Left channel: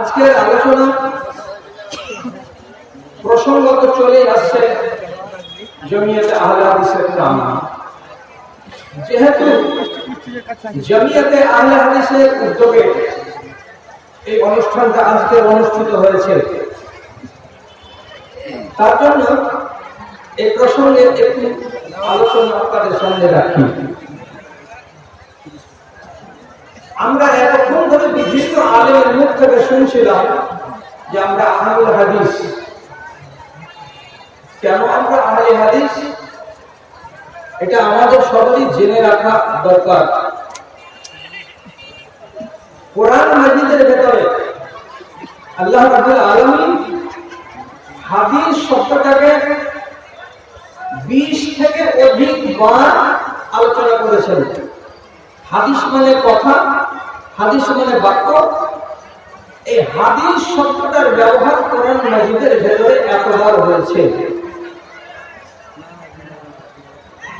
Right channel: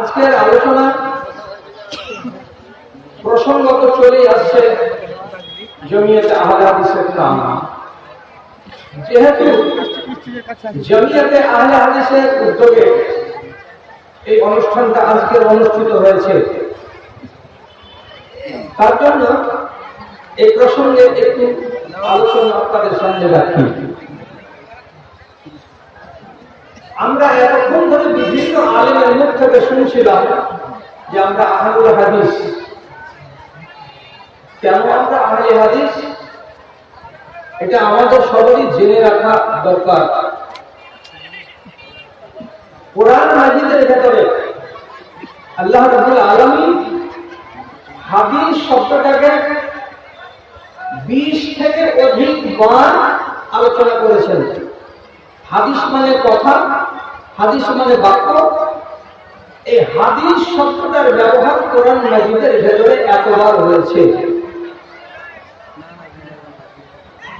আজকের আলোচনা প্রসঙ্গত চলে আসছে জমিয়তে আহলে হাদিসের নাম। যেহেতু জমিয়তে আহলে হাদিসের উদ্যোগে এই অনুষ্ঠানটা আজকে অনুষ্ঠিত হয়েছে, তার জন্য এই প্রসঙ্গে একটু আলোচনা আপনাদের সামনে রাখি। আমরা এতক্ষণ ধরে বিভিন্ন আলেমের মুখ থেকে শুনছিলাম যে আমরা আহলে হাদিস। কেন আমরা আহলে হাদিস, এটা আমাদের সবারই জেনে রাখা দরকার। কোরআন মাজিদের ভেতরে আল্লাহ রাব্বুল আলামিন হাদিস শব্দটাকে 20 থেকে অধিক বার আলোচনা করেছেন। হাদিস মানে কথা, হাদিস মানে বাক্য। এই হাদিস শব্দটার ব্যবহার কোরআন মাজিদের ভেতরে এতবার হয়েছে।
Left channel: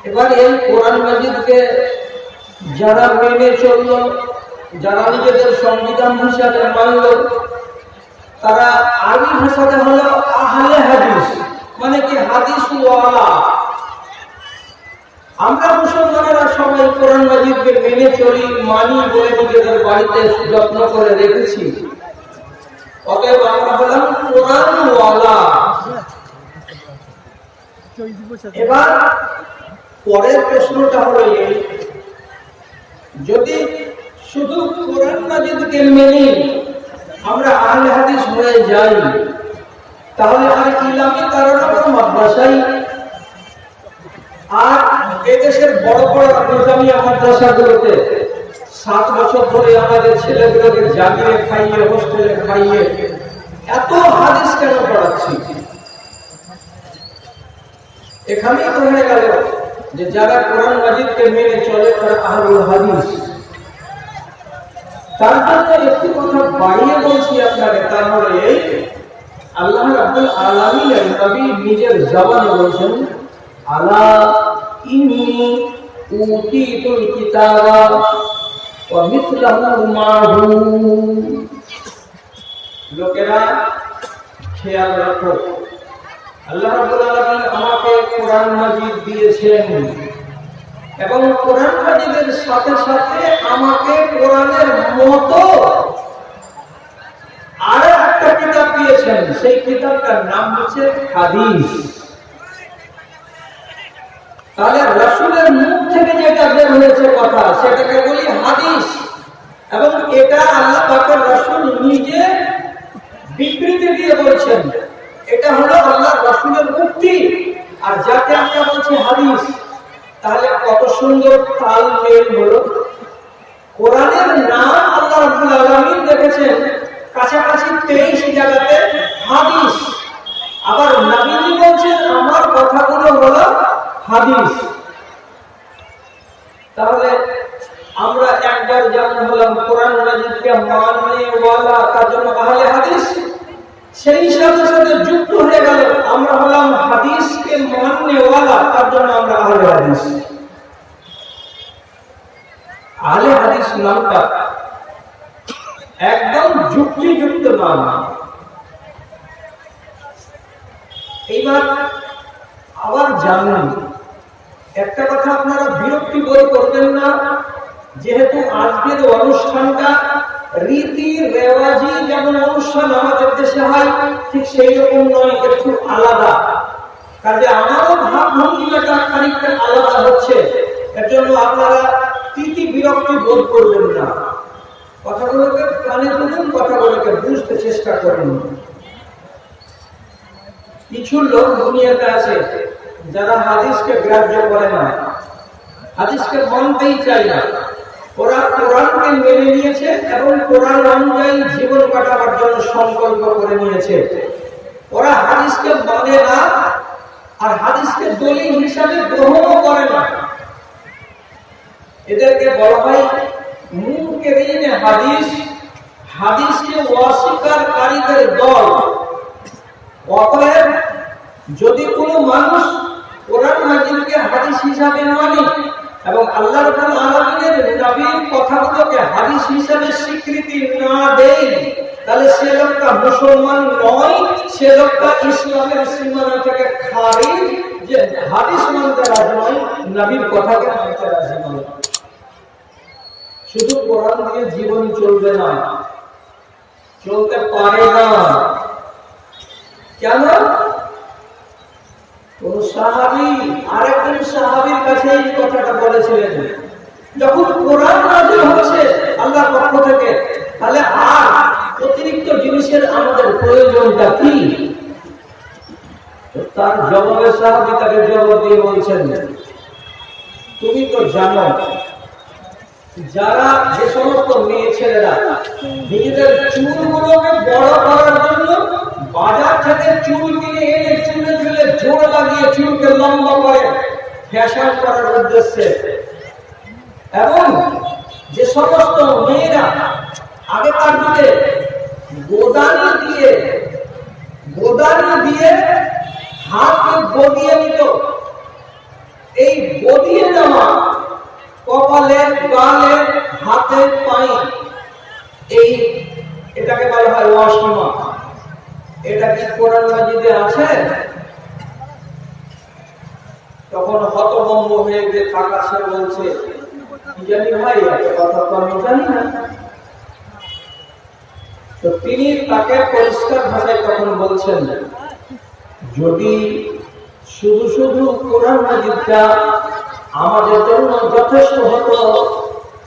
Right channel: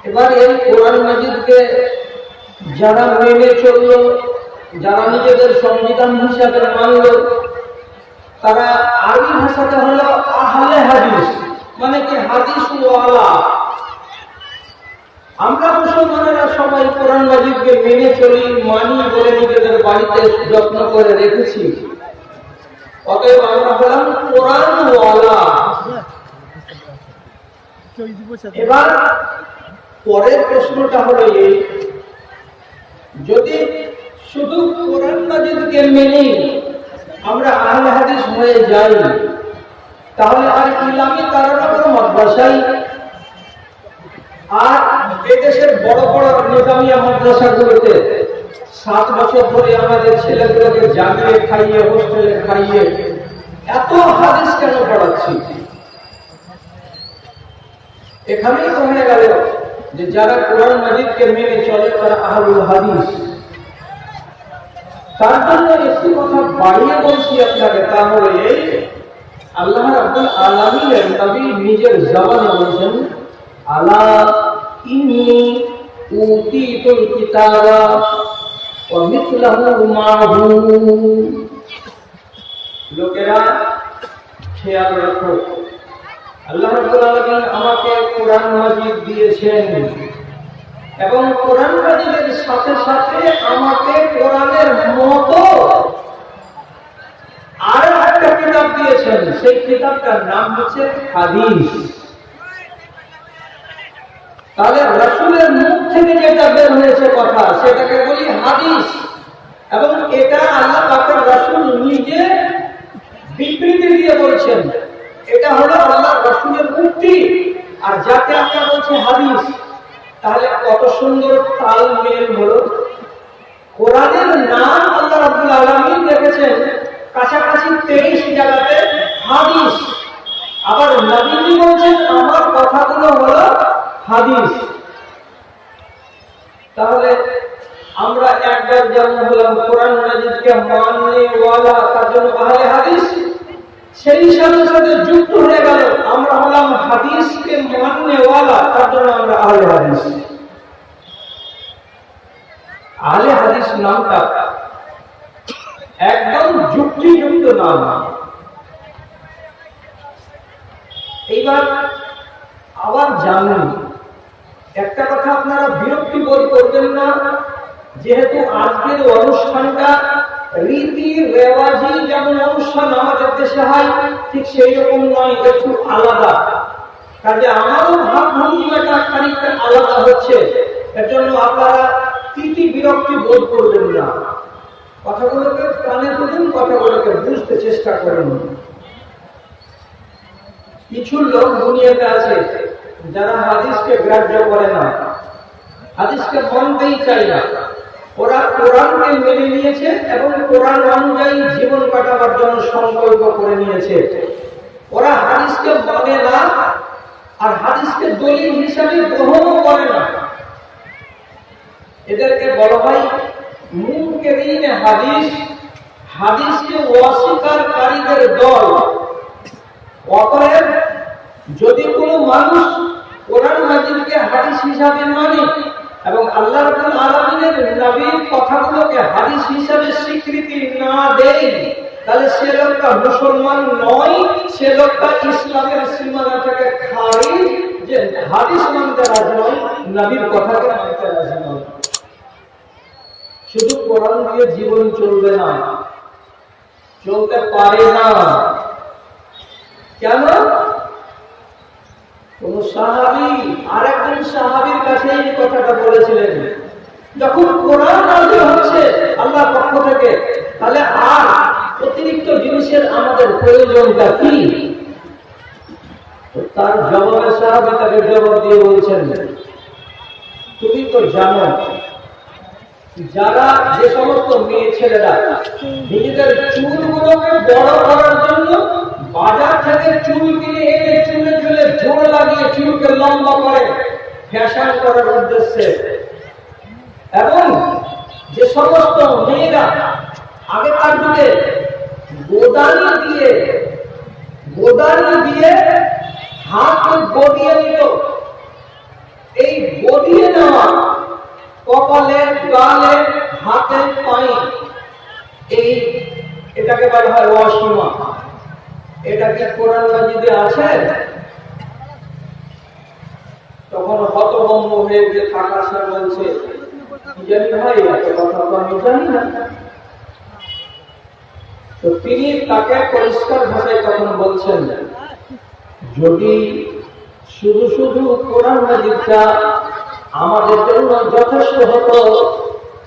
এবার এই কোরআন মাজিদকে যারা মেনে চলল, যারা নিজেদের সংবিধান হিসাবে মানল, তারা আরবি ভাষাতে হলো আহলে হাদিস, মানে কি হাদিস ওয়ালা। আমরা মুসলমানেরা সবাই কোরআন মাজিদকে মেনে চলি, মানি বলে নিজেদের বাড়িতে যত্ন করে রেখেছি। অতএব আমরা হলাম কোরআন ওয়ালা। এবার পরের প্রশ্নটা হলো এই, যদি শুধু কোরআন মাজিদকে মেনে আমরা আহলে হাদিস হয়ে যাই, তাহলে আর ইলামি তারানগর মাদ্রাসায় আর এদেশের বড় বড় নিজামিয়া মাদ্রাসাগুলোতে 7 বছর ধরে আমাদের ছেলেগুলোকে জাগিয়ে খাইয়ে, হোস্টেলে খাইয়ে এত হাদিস কেন পড়াচ্ছি? এখানেই তো হয়ে গেল যে যারা কোরআন মাজিদকে মেনে চলে তারা আহলুল হাদিস। তার জন্য একটি কথা বাড়িয়ে বলছি আপনাকে, তা হলো এই, আল্লাহ রাব্বুল আলামিনের নবী নিজের জবানে বলেছেন, আলা ইন্নী উতীতুল কিতাবা ওয়া মিথলাহু মাহু। লোকেরা খেয়াল রাখো, আল্লাহ রাব্বুল আলামিন আমাকে কোরআন মাজিদ দিয়েছেন এবং কোরআন মাজিদের সাথে সাথে আমাকে কোরআনের মতো আর একটা কিতাব দিয়েছেন। সেই কিতাবটার নাম হচ্ছে হাদিস। তাহলে রাসূলের মুখ থেকে যেটা বের হয়েছে কথা, সেটাকে বলি হাদিস। এবং এটা আল্লাহ পাকের রাসূল নিজে বিবৃতি দিয়ে বলছেন, এটা হলো আল্লাহ রাসূলের উক্তি, আর যাকে আমরা বলছি হাদিস। তাহলে কত সুন্দর তাল মেল হলো। কোরআনের নাম আল্লাহ রাব্বুল আলামিন রেখেছেন কাছাকাছি 23 জায়গাতে হাদিস, আবার নবীজি বলছেন আমার কথাগুলো হলো হাদিস। তাহলে আমরা একবার যেমন হলাম কোরআন মাজিদকে মানে ওয়ালা, তার জন্য আহলে হাদিস, সেই সাথে সাথে যুক্ত হয়ে গেল আমরা হলাম হাদিসকে মানে ওয়ালা, তার জন্য আমরা আহলে হাদিস। আহলে হাদিস নামটা একদম যুক্তিযুক্ত নাম। এইবার আবার জানেন একটা কথা, আপনারা বিরক্তি বোধ করবেন না, যেহেতু আজকের অনুষ্ঠানটা রীতি রেওয়াজি যেমন অনুষ্ঠান আমাদের দেশে হয় ঠিক সেই রকম নয়, একটু আলাদা। কাজে আমারও ভাবভঙ্গিমাটা খানিকটা আলাদা হচ্ছে। এর জন্য আপনারা তিতি বিরক্তি বোধ করবেন না। কথাগুলোকে কানে তুলুন, কথাগুলোকে বুঝতে চেষ্টা করুন। কিছু লোক দুনিয়াতে আছে যারা হাদিসকে গ্রাহ্য করে না, হাদিসকে মানতেই চায় না। ওরা কোরআনকে মেনে নিয়েছে এবং কোরআন অনুযায়ী জীবন কাটাবার জন্য সংকল্প করে নিয়েছে। ওরা হাদিসকে মানে না আর হাদিসকে দলিল হিসাবে গ্রহণও করে না। এদেরকে বলা হয় মুনকিরিনে হাদিস, হাদিসকে অস্বীকারীদের দল। অতএব যদি কোনো মানুষ কোরআন মাজিদকে হাদিস হিসাবে মানে এবং আল্লাহ রাব্বুল আলামিনের নবীর কথাগুলোকে হাদিস হিসাবে স্বীকৃতি না দেয়, তাহলে সে লোকটা মুসলমান নয়, সে লোকটা ইসলামের সীমানা থেকে খারিজ, যে হাদিস মানতে রাজি নয়, নবীর কথাকে মানতে রাজি নয়। শুধু কোরআন দিয়ে জীবন চলবে না, চলতে পারে না। কেন? কোন সাহাবী আরেকজন সাহাবীর কাছে এই কথাটা বলেছিলেন, যখন কোরআন নাযিল হচ্ছে আল্লাহর পক্ষ থেকে, তাহলে আর অতিরিক্ত জিনিসের আমাদের প্রয়োজনটা কি? তার জবাবে সাহাবী তাকে জবাব দিয়ে বলছেন, তুমি তো জানো যারা যে সমস্ত মেয়ে ছেলেরা নিজেদের চুলগুলোকে বড় করার জন্য বাজার থেকে চুল কিনে এনে চুলে চুলে জোড় লাগিয়ে চুলকে লম্বা করে ফ্যাশন করার উদ্দেশ্যে, এবং যে সমস্ত মেয়েরা আগেকার যুগে গোদানি দিয়ে হাতকে গদিয়ে নিত, এই গদিয়ে নেওয়া কপালে, গালে, হাতে, পায়ে, এটাকে বলা হয় ওয়াসিমা। এটা কি কোরআন মাজিদে আছে? তখন হতভম্ব হয়ে যে থাকা সে বলছে, কি জানি ভাই, এত কথা তো আমি জানি না। তো তিনি তাকে পরিষ্কার ভাষায় তখন বলছেন, যদি শুধু শুধু কোরআন মাজিদটা আমাদের জন্য যথেষ্ট হতো,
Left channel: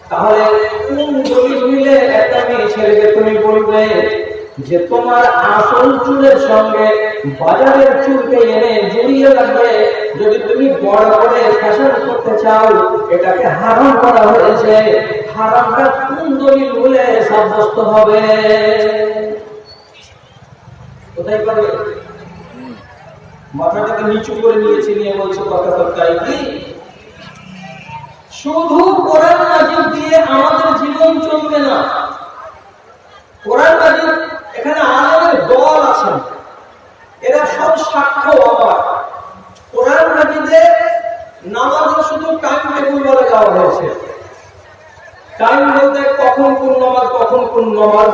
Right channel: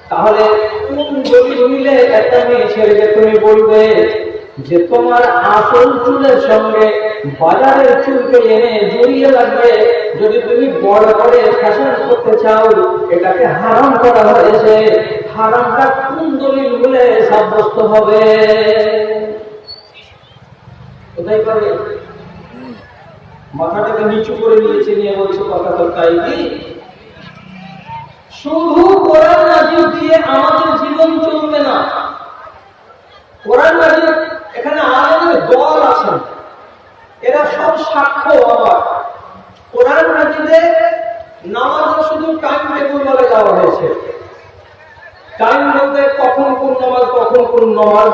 তাহলে কোন দলিল মিলে একটা মেয়ে ছেলেকে তুমি বলবে যে তোমার আসল চুলের সঙ্গে বাজারের চুলকে এনে জড়িয়ে লাগবে, যদি তুমি বড় করে ফ্যাশন করতে চাও, এটাকে হারাম করা হয়েছে, হারামটা কোন দলিল মিলে সাব্যস্ত হবে? কোথায় পাবে? মাথাটাকে নিচু করে নিয়েছে, নিয়ে বলছে কথা তো তাই কি? শুধু কোরআন নাযিল দিয়ে আমাদের জীবন চলবে না। কোরআন নাযিল, এখানে আলেমের দল আছেন, এরা সব সাক্ষ্য আমার। কোরআন নাযিলে নামাজের শুধু টাইম টেবিল বলে দেওয়া হয়েছে। টাইম বলতে কখন কোন নামাজ, কখন কোন নামাজ,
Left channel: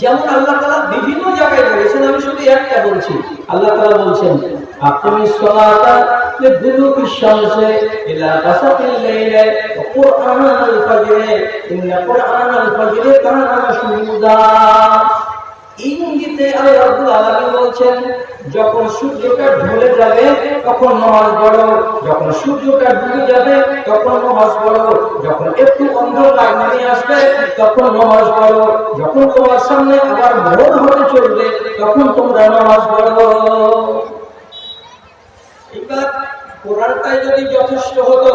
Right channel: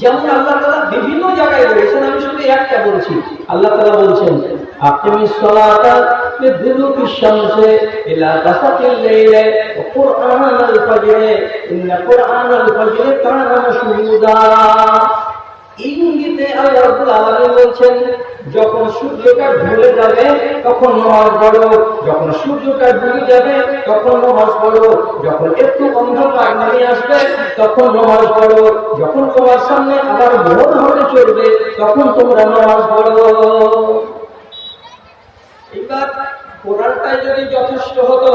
যেমন আল্লাহ তাআলা বিভিন্ন জায়গায় বলেছেন, আমি শুধু একটা বলছি। আল্লাহ তাআলা বলছেন, আকিমিস সালাতা লিদুলুকিশ শামসি ইলা গাসাকিল লাইলি ওয়া কুরআনাল ফাজরি ইন্না কুরআনাল ফাজরি কানা মাশহুদা। ইঙ্গিতে আল্লাহ রাব্বুল আলামিন বলছেন, যখন সূর্যটা ঢলে যাবে তখন নামাজ পড়ো, যখন সূর্যটা ডুবে যাবে তখন নামাজ পড়ো, যখন একটু অন্ধকার নেমে আসবে তখন নামাজ পড়ো, যখন তোমার সামনে আবার ভোর হতে চলবে তখন তোমরা নামাজ পড়ো। এবার কোরআনটাই যদি যথেষ্ট হতো,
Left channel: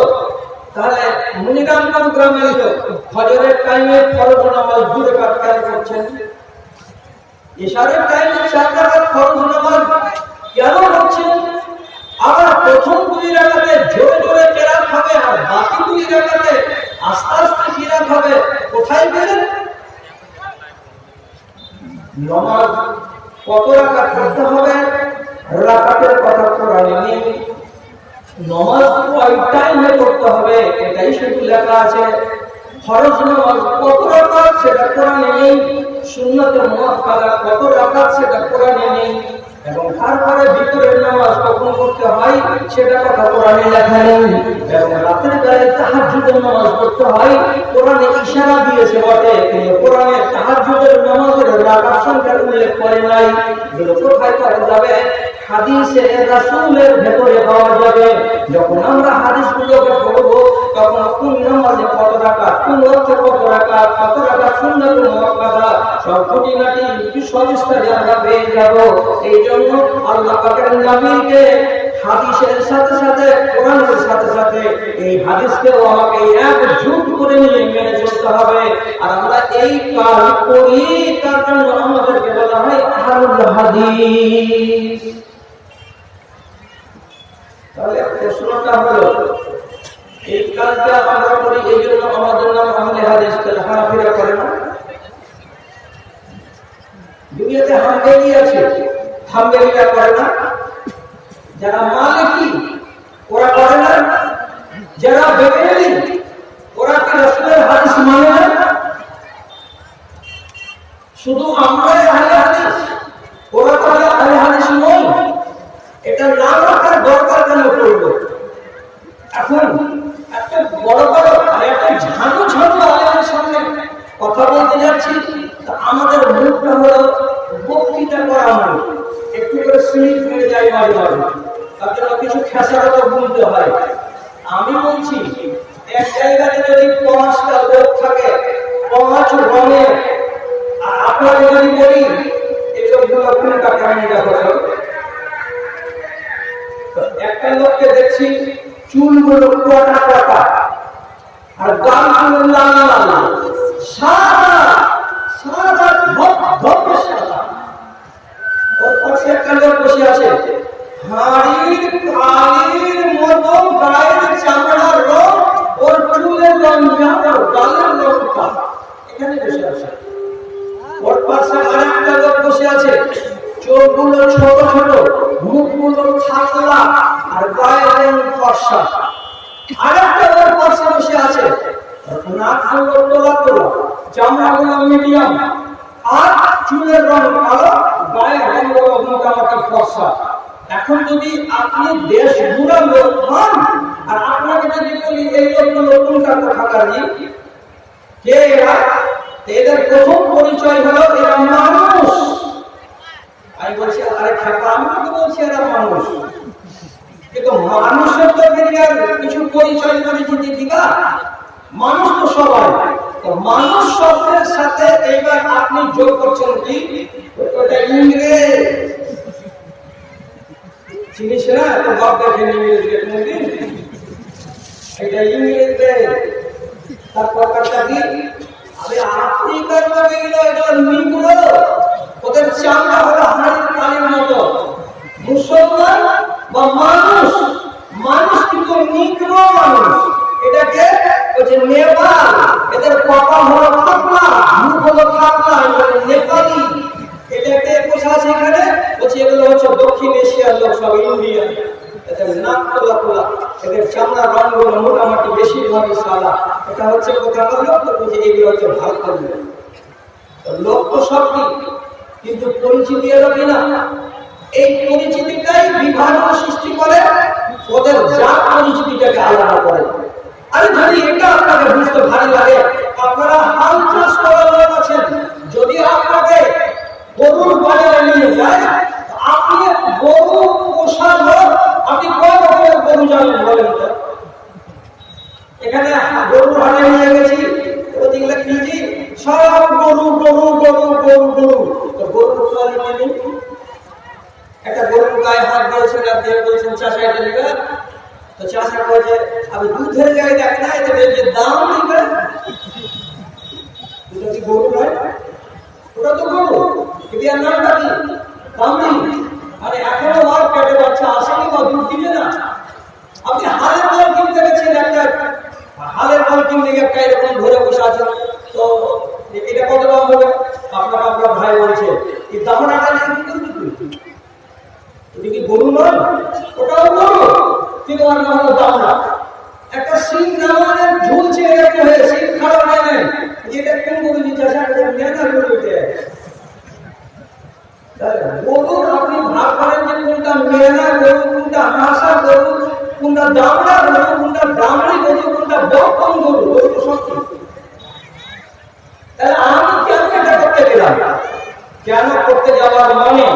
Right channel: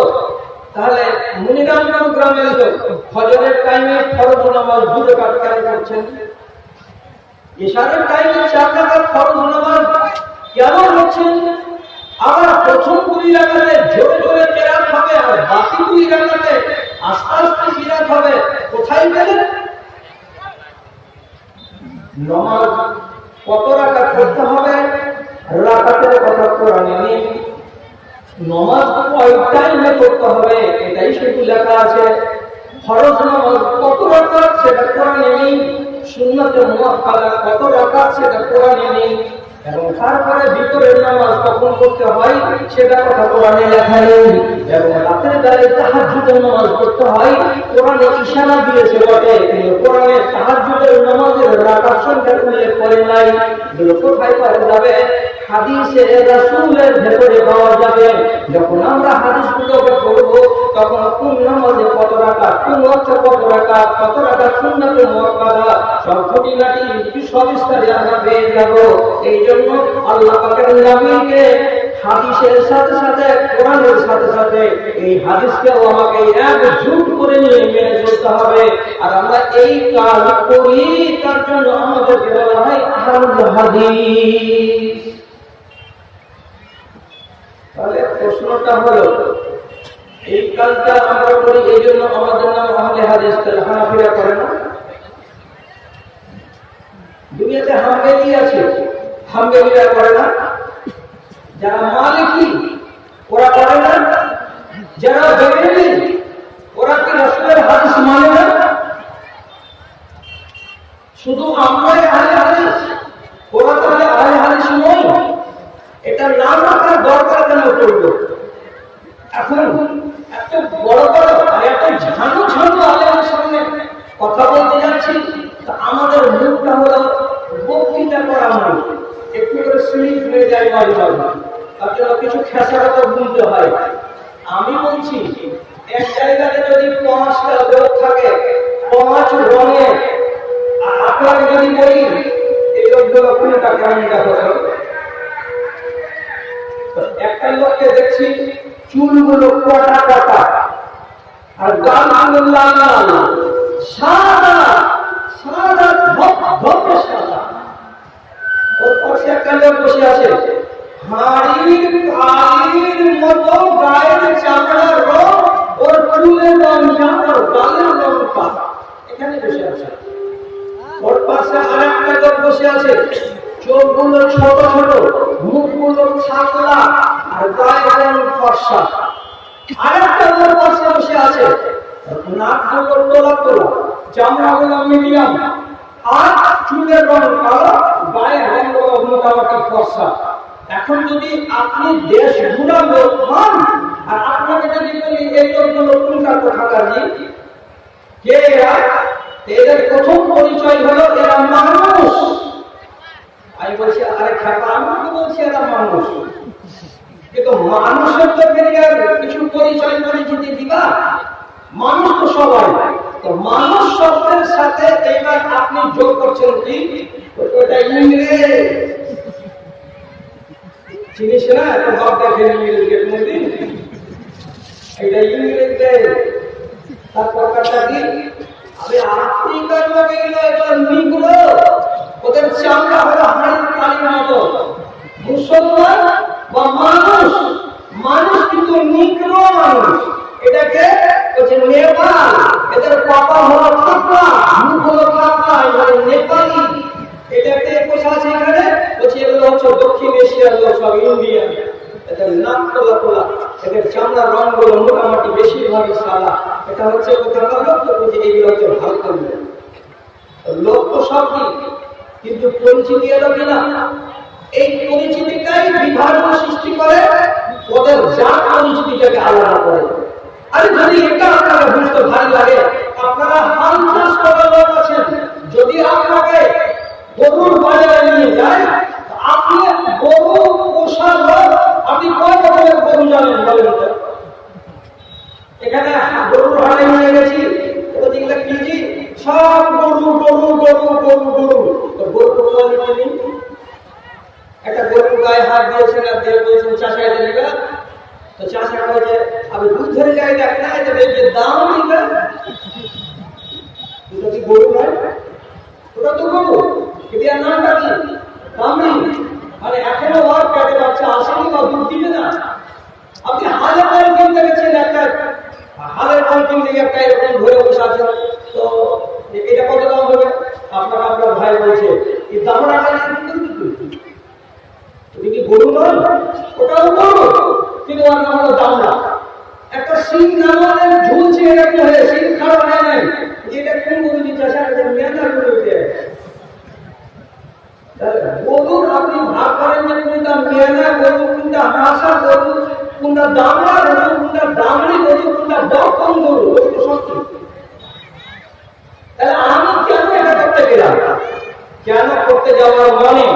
তাহলে মুনিরামগঞ্জ গ্রামের লোক ফজরের টাইমে ফরজ নামাজ 2 রাকাত কেন করছেন? ইশারের টাইমে 4 রাকাত ফরজ নামাজ কেন হচ্ছে? আবার প্রথম 2 রাকাতে জোরে জোরে কিরাত হবে, আর বাকি 2 রাকাতে আস্তে আস্তে কিরাত হবে। কোথায় পেলেন? নামাজ কত রাকাত পড়তে হবে রাকাতের কথা কোরআনে নেই। নামাজ কয় টাইমে পড়তে হবে এটাই শুধু লেখা আছে। ফরজ নামাজ কত রাকাত সেটা কোরআনে নেই। সুন্নাতে মুআক্কাদা কত রাকাত সেটা কোরআনে নেই। এবং তারপরে ভিতরের নামাজ কখন পড়তে হয় সেটা কথা কোরআনে লেখা নেই। এবং রাতের বেলায় তাহাজ্জুদের নামাজ পড়তে হয়, কোরআনে ইশারা দিয়েছে বটে, কিন্তু কোরআনে তাহাজ্জুদের নামাজের রাকাত সংখ্যা উল্লেখ করে নাই। এগুলো কোথায় পাওয়া যাবে? হাদিসে রাসূলের ভেতরে পাওয়া যাবে। যখন আমরা হাদিসগুলোকে পড়ব তখন কোন নামাজে কত রাকাত, কোন ওয়াক্তে কত রাকাত, কত রাকাত সুন্নাতে মুআক্কাদা, সব খুঁটিনাটি সবিস্তারে আমরা পেয়ে যাব। এই জন্য আল্লাহ পাকের নবীকে হাদিসের সাথে সাথে, কোরআনের সাথে সাথে এই হাদিসকেও আমাকে একজোট করে নিয়ে মেনে চলতে হবে। আর আমরা এই কাজ করি, তার জন্য আমাদেরকে বলা হয় আহলুল হাদিস। তাহলে প্রশ্নটা হলো, এই কাজটা আমরা করি এই জন্য আমাদের নাম আহলে হাদিস, তাহলে হানাফিরা করে না? দুনিয়াতে হাম্বলি আছে, হাম্বলিরা করে না? যারা মালিকি ওরা করে না? যারা বেরেলি ওরা কি রাসূলের হাদিস মানে না? শুধু আমরাই আহলে হাদিস, ওরা তাহলে আহলে হাদিস নয়? এটা নাম রাখার দরকার কেন পড়লো? এখন এত বড় বড় আর এত ঝানু ঝানু আলেমের সামনে কথা বলতে যাচ্ছি, তা আমাদের মুখটা হলো বক্তৃতা করা মুখ, একটু করে স্লিপ হয়ে যায় মাঝে মাঝে, তার জন্য কিছু খেসারত বুনতে হয়। আমি বলছি, এক জায়গাতে যদি 5টা লোক থাকে 5 রঙের, আর আপনাকে যদি বলি এই লোকগুলো কোনটা কেমন দেখো, একটা লোককে দেখছি চুলগুলো কটা কটা আর গালগুলো লাল লাল, সাদা সাদা ধপ ধপে সাদা। ওর পাশে একটা লোক বসে আছে, হাড়ির কালির মতো গায়ের চামড়ার রং, ওর চুলের রং যা, ওর গালের রংটা, এখানে বসে আছে। ওর পাশে আর একটা লোক বসে আছে, চোখগুলো ছোট ছোট, মুখগুলো থাকলা আর গায়ের রং ফর্সা। আরেকটা ওর পাশে বসে আছে, নাকগুলো তোলা তোলা, চামড়াগুলো মিডিয়াম, আর চুলের রং কালো, গায়ের রংগুলো মোটামুটি ফর্সা। এখন যদি আপনি দেশ ঘুরা লোক হন, আর আপনাকে যদি বলি এই লোকগুলো কোনটা কোথাকার জি, কে এরা, এদের প্রথম পরিচয় হলো এরা মানুষ। আমি বলছি, আরে খাপা, আমি তো বলছি এরা মানুষ, কিন্তু মানুষের তো কিছু পরিচয় পরিচিতি দিবা, মানুষ তো সবাই। তো মানুষ শব্দের সাথে এবার আপনি যোগ করছেন কি, ওটা ইংরেজ। চিনিস না তো বাপ দেখেন ইংরেজকে কোনদিন, এটা ইংরেজদের। তারপর কাটা কি, আরে আফ্রিকার লোক এগুলো, এগুলো নিগ্রো, ওদের চামড়া হলো হাড়ির কালির মতো। মুসলমান বা মানুষ, মানুষ কিন্তু নিগ্রো মানুষ, এটাকে বলছে নেপাল। এদের কপাল হলো থাকলা, মুখ হলো থাকলা, এবারে নেপালি। এটাকে বসে আছে এখানে, বলছে এগুলো হচ্ছে দক্ষিণ এশিয়ার লোক, সব ইন্ডিয়ান। এদের নাক তোলা তোলা, এদের চামড়ার রঙগুলো মোটামুটি বেশিরভাগই সাদা। এটা হচ্ছে কোথাকার লোক, তো বলছে এগুলো হচ্ছে ভারতের লোক। লোক তো সবই, কিন্তু পরিচিতি এলো কিনা, এই পরিচিতিটাই বিভাজন সৃষ্টি করে, ওদের জাত পরিচিতিটাকে আলাদা করে। আরে যদি এটা আপনাকে বুঝতে ভালো লাগে, আপনারা হাল চাষ করার লোক আছেন, যদি আপনাকে গরুর বাজারে নিয়ে যায়, আপনি গরু পোষার লোক, আপনি কয় রকমের গরু জানেন বলেন তো? এখানে গরুর হাটে নিয়ে গেছি, ওদিকে কি জি, সব গরু গরু গরু গরু গরু। তো গরুর কোয়ালিটি নেই। একটা গরুর গায়ে হাত দিয়েছেন আর দিয়ে বলছেন চাষা এটা নিবে, তো চাষা কয় যে আমি দুধের গায়ে দেখ না, এটা যে দাম নিবে, এটা কি গরু নয়? ওটা তো গরু, কিন্তু এর নামটা কি? দামি। মানে এখনো আর পেটে বাচ্চা আসেনি বা দুধ দিবে না। আপনি হালের বল কিনতে গেছেন, একটা হালের বল কিনতে গিয়ে একটা এরকম ধরে বসে আছেন, তো এটা কত দাম হবে? আপনাকে আপনার ভাই বলছে এই দামটা নিয়ে কি করবি তুই? তুমি কি গরু নয়? ওটাও গরু, কিন্তু ওর নাম হলো দামড়া। একটা সিং নামানের ঝুলছে এরকম হয়ে, সিং খারাপ হয় নাই, এটা কোন গরু দিচ্ছে? মেনা গরু উঠে গরুর আপনি ভাগ করেন যে কোনটা মেনা গরু, কোনটা হাসা গরু, কোনটা দামড়া গরু, কোনটা দামড়ি গরু, কোনটা বকন গরু, গরু তো সব। তাহলে আমি কেন এটা করতে গেলাম? কেন করতে যাওয়ার মনে,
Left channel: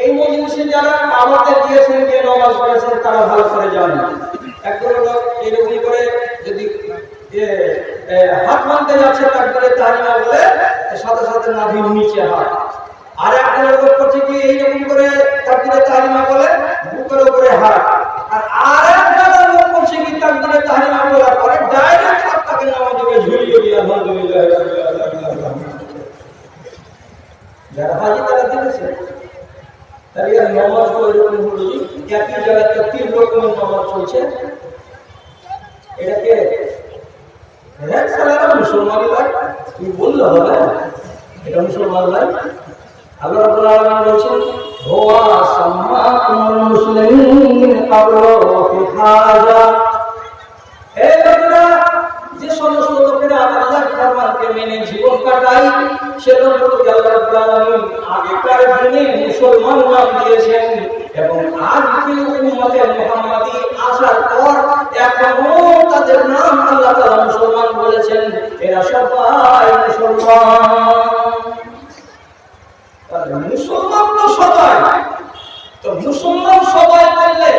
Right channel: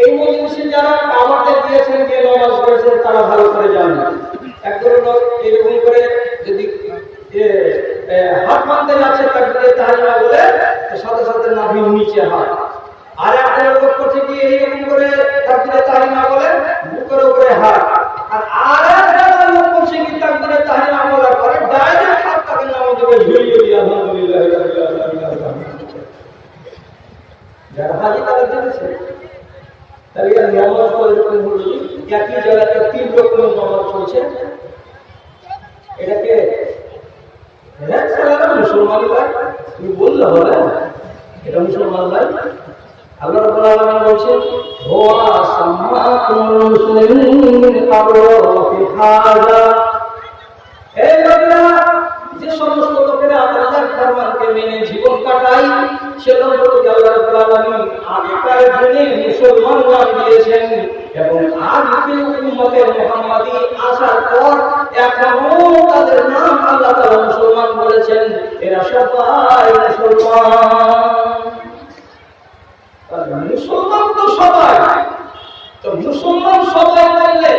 এই মজলিসে যারা আমাদের দিয়েছেন, কে নামাজ পড়েছেন, তারা ভালো করে জানেন। একজন লোক এরকম করে যদি হাত মানতে যাচ্ছে তাকবীরে তাহরিমা বলে, সাথে সাথে নাভির নিচে হাত। আর একজন লোক করছে কি এইরকম করে তাকবীরে তাহরিমা বলে বুকের উপরে হাত। আর একজন লোক করছে কি তাকবীরে তাহরিমা বলার পরে ডাইরেক্ট হাত তাকে নামাজে ঝুলিয়ে দিয়ে আলহামদুলিল্লাহ যারা হাজি তারা দিয়েছে। তাহলে নামাজ এরকম হলো, একই জায়গাতে 3 রকমের নামাজ চলছে। এটাকে মুসলমানি লাই, তুমি বললে হবে এটা মুসলমান লাই। আল্লাহ রাব্বুল আলামিন বলছেন, হুয়া সাম্মাকুমুল মুসলিমিন ক্বাবলা ওয়া ফি হাযা। এই লোকেরা যে সমস্ত লোকেরা আল্লাহর ফরমানকে মেনে জীবন কাটায় সে লোকগুলোকে আল্লাহ রাব্বুল আলামিন আগেকার দিনে মুসলমান নাম দিয়েছেন এবং আজকে উম্মতে মুহাম্মাদি আসার পর এখনো তাদের নাম আল্লাহ তাআলা মুসলমান বলেছেন। এরা সবাই মুসলমান। মুসলমান তো সবাই, তো মুসলমান সবাই বললে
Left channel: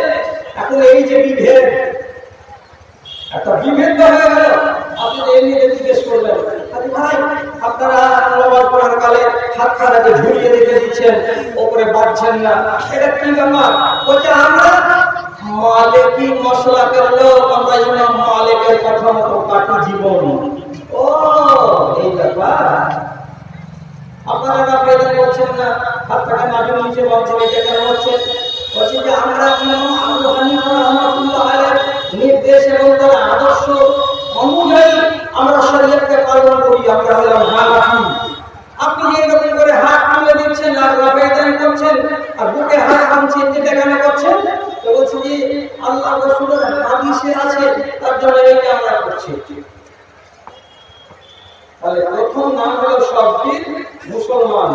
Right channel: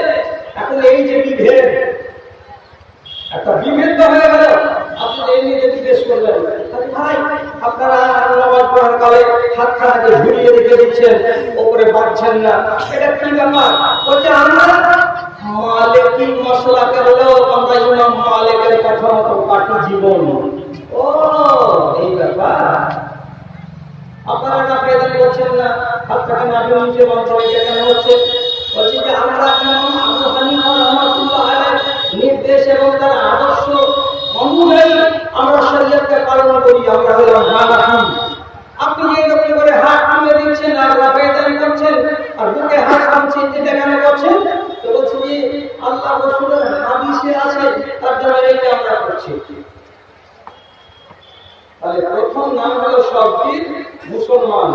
এখন এই যে বিভেদ, একটা বিভেদ হয়ে গেল। আপনি এমনি জিজ্ঞেস করলেন, ভাই আপনারা নামাজ পড়ার কালে হাতখানাকে ঝুলিয়ে রেখে দিচ্ছেন, ওপরে বাড়ছেন না, এটা কি ব্যাপার? বলছে আমরা মালিকি মাসলাকের লোক, আমরা ইমাম মালিকের কথা মতো কাটি জীবন। ও এই ব্যাপার, আপনারা না বেদন করছেন না, হাতটাকে নাভির নিচে বাঁধছেন, এটা কেন হচ্ছে? বলছে যে আমরা ইমাম আবু হানিফা রাহমাতুল্লাহ আলাইহির নির্দেশ এবং তার আদর্শ অনুযায়ী আমরা শরীয়তকে পালন করি, আমরা হলাম হানাফি। আপনি যে এরকম করে হাত তুলে দিচ্ছেন আর বেদন করছেন আর বুকে হাত বাঁধছেন, এটা কেন করছেন? তো বলছে যে আল্লাহ রাসূলের হাদিসে আছে, তার জন্য এইটা আমরা করছি। তাহলে প্রথম নাম হলো সবটির মুসলমান।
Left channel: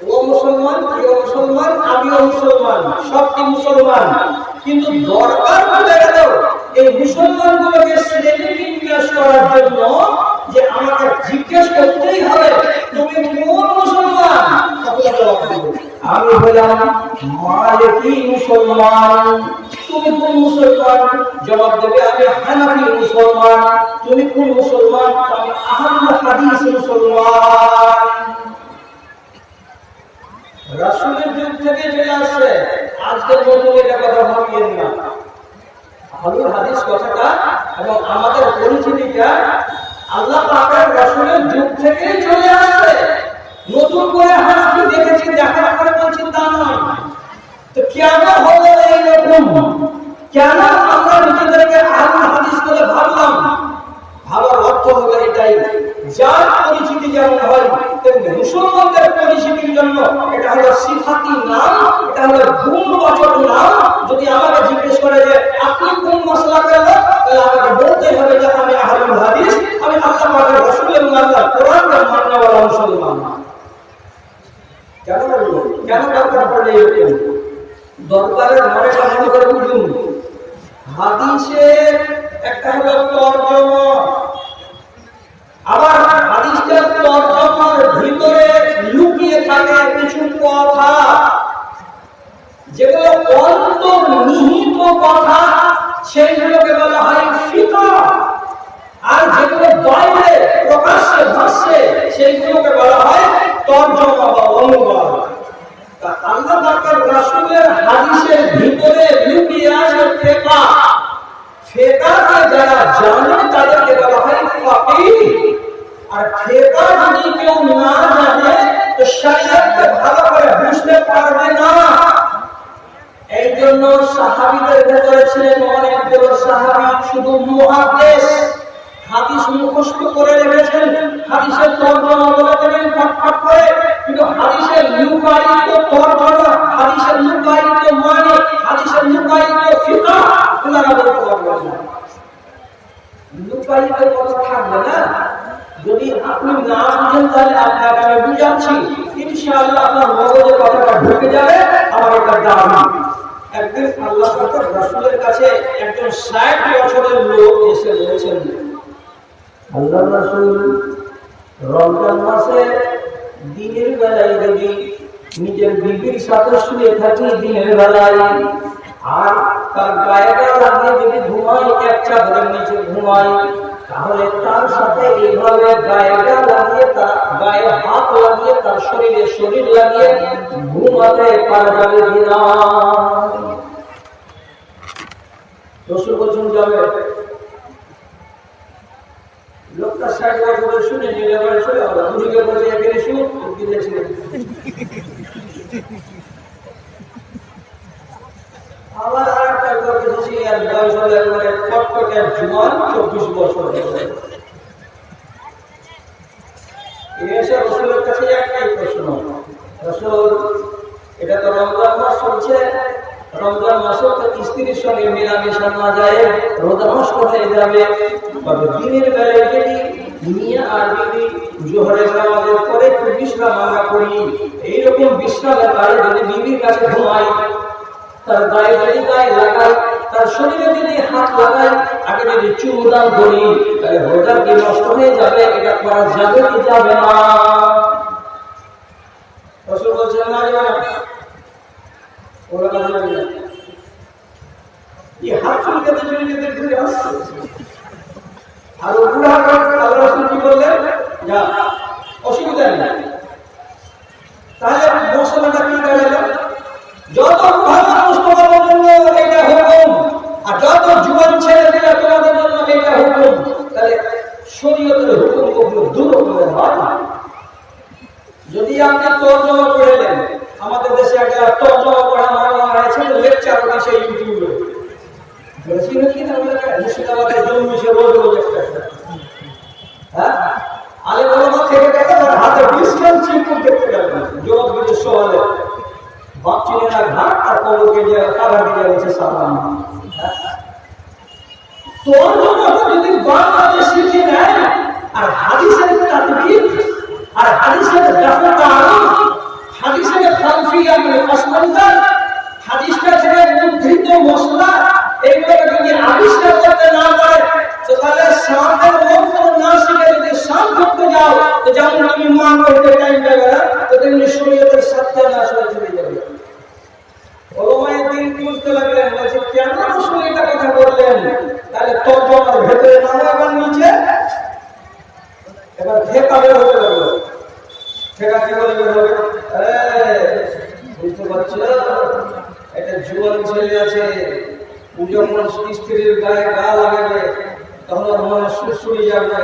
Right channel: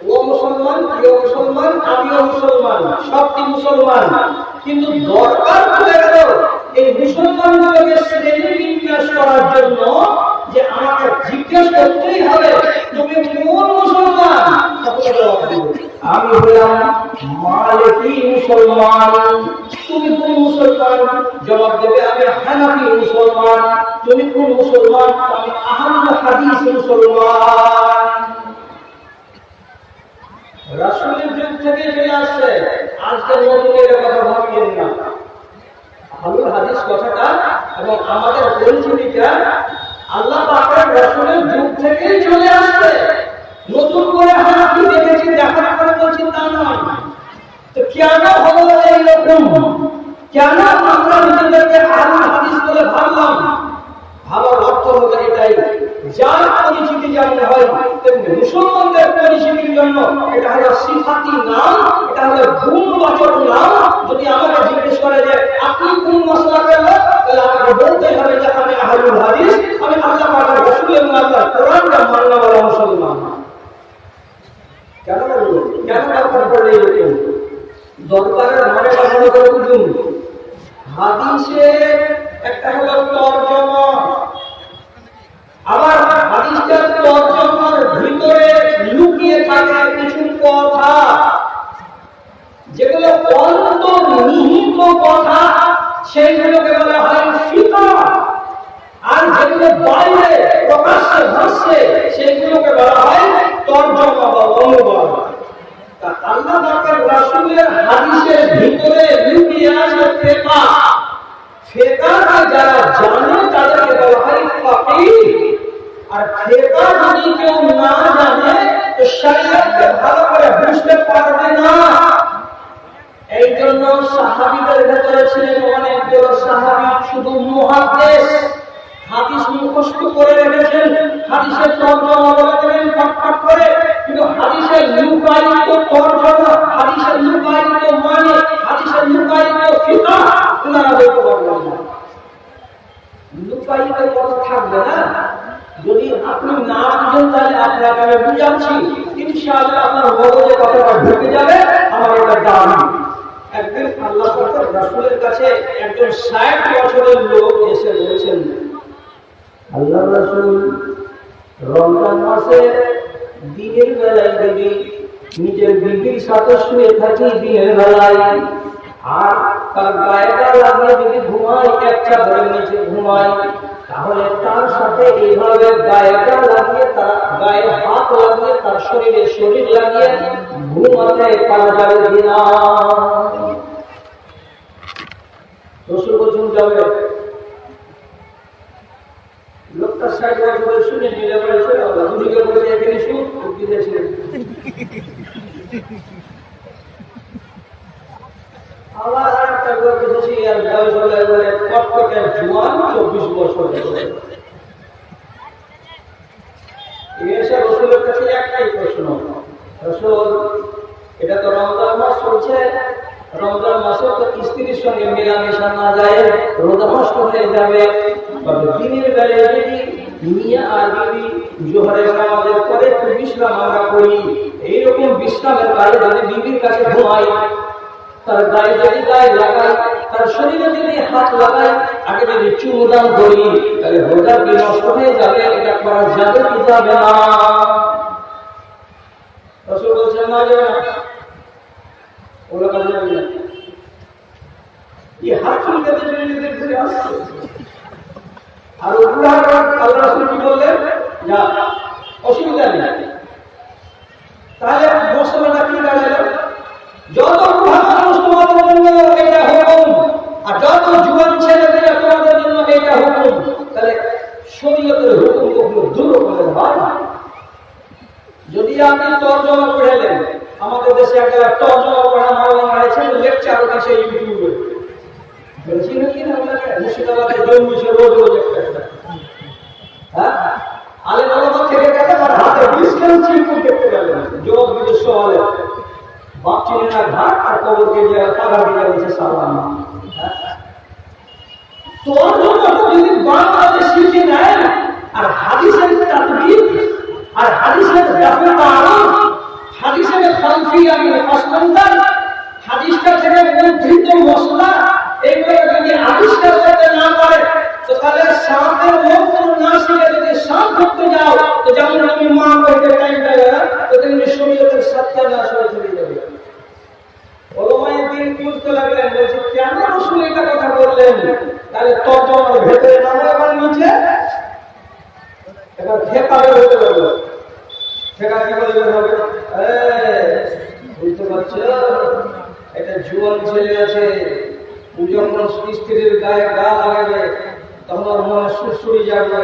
ও মুসলমান, প্রিয় মুসলমান, আমিও মুসলমান, সবটি মুসলমান। কিন্তু দরকার পড়ে গেল এই মুসলমানগুলোকে শ্রেণী বিন্যাস করার জন্য যে আমাকে জিজ্ঞেস করতেই হবে তুমি কোন মুসলমান? আমি হলাম মালিকি মুসলমান। তুমি কোন মুসলমান? জবাব দেবে আমি হানাফি মুসলমান। তুমি কোন মুসলমান? আমি আহলে হাদিস মুসলমান। রাসূলের যুগ থেকে চলে আসছে, আজকের নতুন এটা কথা ভাবিয়েন না। আহলে হাদিস কথাটা এবং আমাদের পরিচিতিটা আল্লাহ পাকের রাসূলের যুগ থেকেই চলে আসছে। নতুন করে হানাফি দেখেছি, দেখার পরে বলছি তা নয়। তো কেন হলো এইরকম? কেন আমরা নিজেদেরকে আহলে হাদিস বলে ভাবলাম? ভাবার অর্থ হলো এটাই, যার পরিচিতি যেমন হয় তেমনি মুসলমানদের পরিচিতির জন্য এটা হলো সিফাতি নাম, এটা হলো গুণবাচক নাম। যদি আমাকে জিজ্ঞেস করে যে আপনি কোন মাসলাকের লোক, তাহলে আমাকে বলতেই হবে যে আমি আহলুল হাদিস, আমি আল্লাহ পাকের রাসূল এবং আল্লাহর কোরআনকে মাননেওয়ালা মুসলমান। কেন বলবো? কেন দরকার পড়লে এরকম? দরকারের মানে কখনো করে বুঝুন। হাদিসের একটা হলো তরজমা, আবার হাদিসের তরজমার ভিতরে লুকিয়ে থাকে কিছু কথা, যেগুলো অন্তর্নিহিত কথা, সেইগুলোকে বলা হয় ফিকহ। আর যেগুলো বাইরে প্রকাশ্যে ভাসছে সেইগুলোকে বলা হয় তরজমা বা অনুবাদ। আল্লাহ পাকের রাসূলের হাদিসের ভিতরে লুকিয়ে আছে ফিকহ। ফিকহকে যারা জানে তাদেরকে বলা হয় ফাকিহ। আর ফিকহ যদি কেউ না জানে তো শরীয়তকে ভালো করে বুঝতে পারবে না। এই জন্য সাহাবীদের ভেতরে ছিলেন অনেকগুলো সাহাবী শুধু মুহাদ্দিস, হাদিস মুখস্থ করে রেখেছেন, হাদিসের তরজমা বলে দেবেন ফটফট করে, কিন্তু হাদিসের লুকায়িত তরজমা, হাদিসের লুকায়িত মানে, হাদিসের লুকায়িত ফিকহ ওনারা বলতে পারবেন না। লুকায়িত কথা থাকবে না। যদি আপনি না বুঝেন তাহলে আপনাকে আমি বুঝাচ্ছি, ইনশাআল্লাহ আপনার মগজে কথাটা ঢুকে যাবে। আমার একটা দাবি, একদিন আল্লাহ পাকের রাসূলের কাছে একজন ৬০ বছরের লোক এসে বলেছেন, আল্লাহ রাসূল রমজান মাসে দিনের বেলায় যদি নিজের বিবির সাথে শুয়ে থাকি দিনের বেলায়, আর তার গায়েটা লাগিয়ে যদি ঘুমাই, এক চাদরের নিচে ঘুমাই, তাহলে তার সাথে এইভাবে গায়েটা লাগিয়ে, তার গায়ে হাত লাগিয়ে, তার শরীরে শরীর লাগিয়ে ঘুমাতে পারা যাবে কিনা? রাসূল বলছেন যাবে। লোকটা ৬০ বছরের শুনে নিলে বলে চলে আল্লাহ হুজুরকে বলে এখানে শুনে দিয়েছিলেন। আবার আরেকটা লোক এসেছে, আর বয়স হলে বলে কটকটের জোয়ান ২৪ বছর হয়ে এসে রাসূলের কাছে একটাই প্রশ্ন, রাসূল এটা তো রমজান মাস চলছে, রমজান মাসে তো স্ত্রীর সঙ্গে মেলামেশা না যায়, রোজা নষ্ট হয়ে যাবে, তবে দিনের বেলায় যদি মিয়া আর যদি জোহরের নামাজের পরে একটু বিশ্রাম আমরা করি, এইরকম বিশ্রামের কালে যদি বিবির কাছে ঘুমাই, তার গায়ে যদি গায়ে লাগাই, তার শরীরে যদি হাত লাগাই, আগে যদি চুমুদান করি, তাহলে রোজা কি নষ্ট হয়ে যাবে? এটা করা যাবে কি যাবে না? রাসূল বলছেন না, যাবে না। ওরা কাজে লাগবে না। এই হাত চুলকাতে চুলকাতে ঘুরে আসছে। আর ওগুলা আল্লাহ রাসূল কি বললেন? যা, অসুবিধা নেই। তাহলে মশলাটা কি দাঁড়ালো? যত বুড়া মানুষ তোমাদের জন্য এটা হুকুম, আর যত যুবক ছেলেমেয়েরা তোমাদের জন্য এটা হুকুম। তাহলে শরীয়তের হুকুম কখনো দু রকমের হয় না। যদি আপনি তর্জমা পড়েলেন, আমাদের দেশে একটা তর্জমা পড়া মাওলানা আছে, লেকচার দিচ্ছে ইউটিউবে, বেশি নাকি না ওগুলোকে মুর্শিদাবাদের জন্মিছে রোজ রোজ একটা। হ্যাঁ, আলেম ওলামা থেকে গেলেন আর হাতে ডিসকাউন্ট চিকুন দেখতে গেলেন, জবাব দিতে সওয়ালে বাপ চিনে না ঘাট আর কবরকে যে কাদা দিয়ে গেছে সালাম। তর্জমাটা যদি বাংলাদেশ শিখে নেয় আর হাদিসের তাদবির আর হাদিসের দাফতারুন, হাদিসের খালফিয়া মানে আসমানদার, হাদিসটা থেকে উদ্ধৃত মশলা, এইগুলোকে যদি আবিষ্কার করতে না পারে, তো তাহলে শান্তের মন্ত্র না শিখে যদি শান্ত করতে যাও, তো যেমন তুমি মা করতে টাইম পাবে না, তো তুমি শরীয়তের সত্য না সরে চলে যাবে। ওলামায়ে দ্বীন বুঝতে লাগলেন, বলছে কেন রাসূল এটা কথা বললেন? তাহলে তর্জমার ভেতরে নামো, এবার নিচে এবার ফেকা বের হতে লাগলো। ফেকা কি বলে বের হবে? বুঝতে পারছো, একটা জুয়ান ছেলে আছে, ও যখন স্ত্রীর গায়ে গা লাগাবে তখন ওর মনে সুরসুরি যাবে।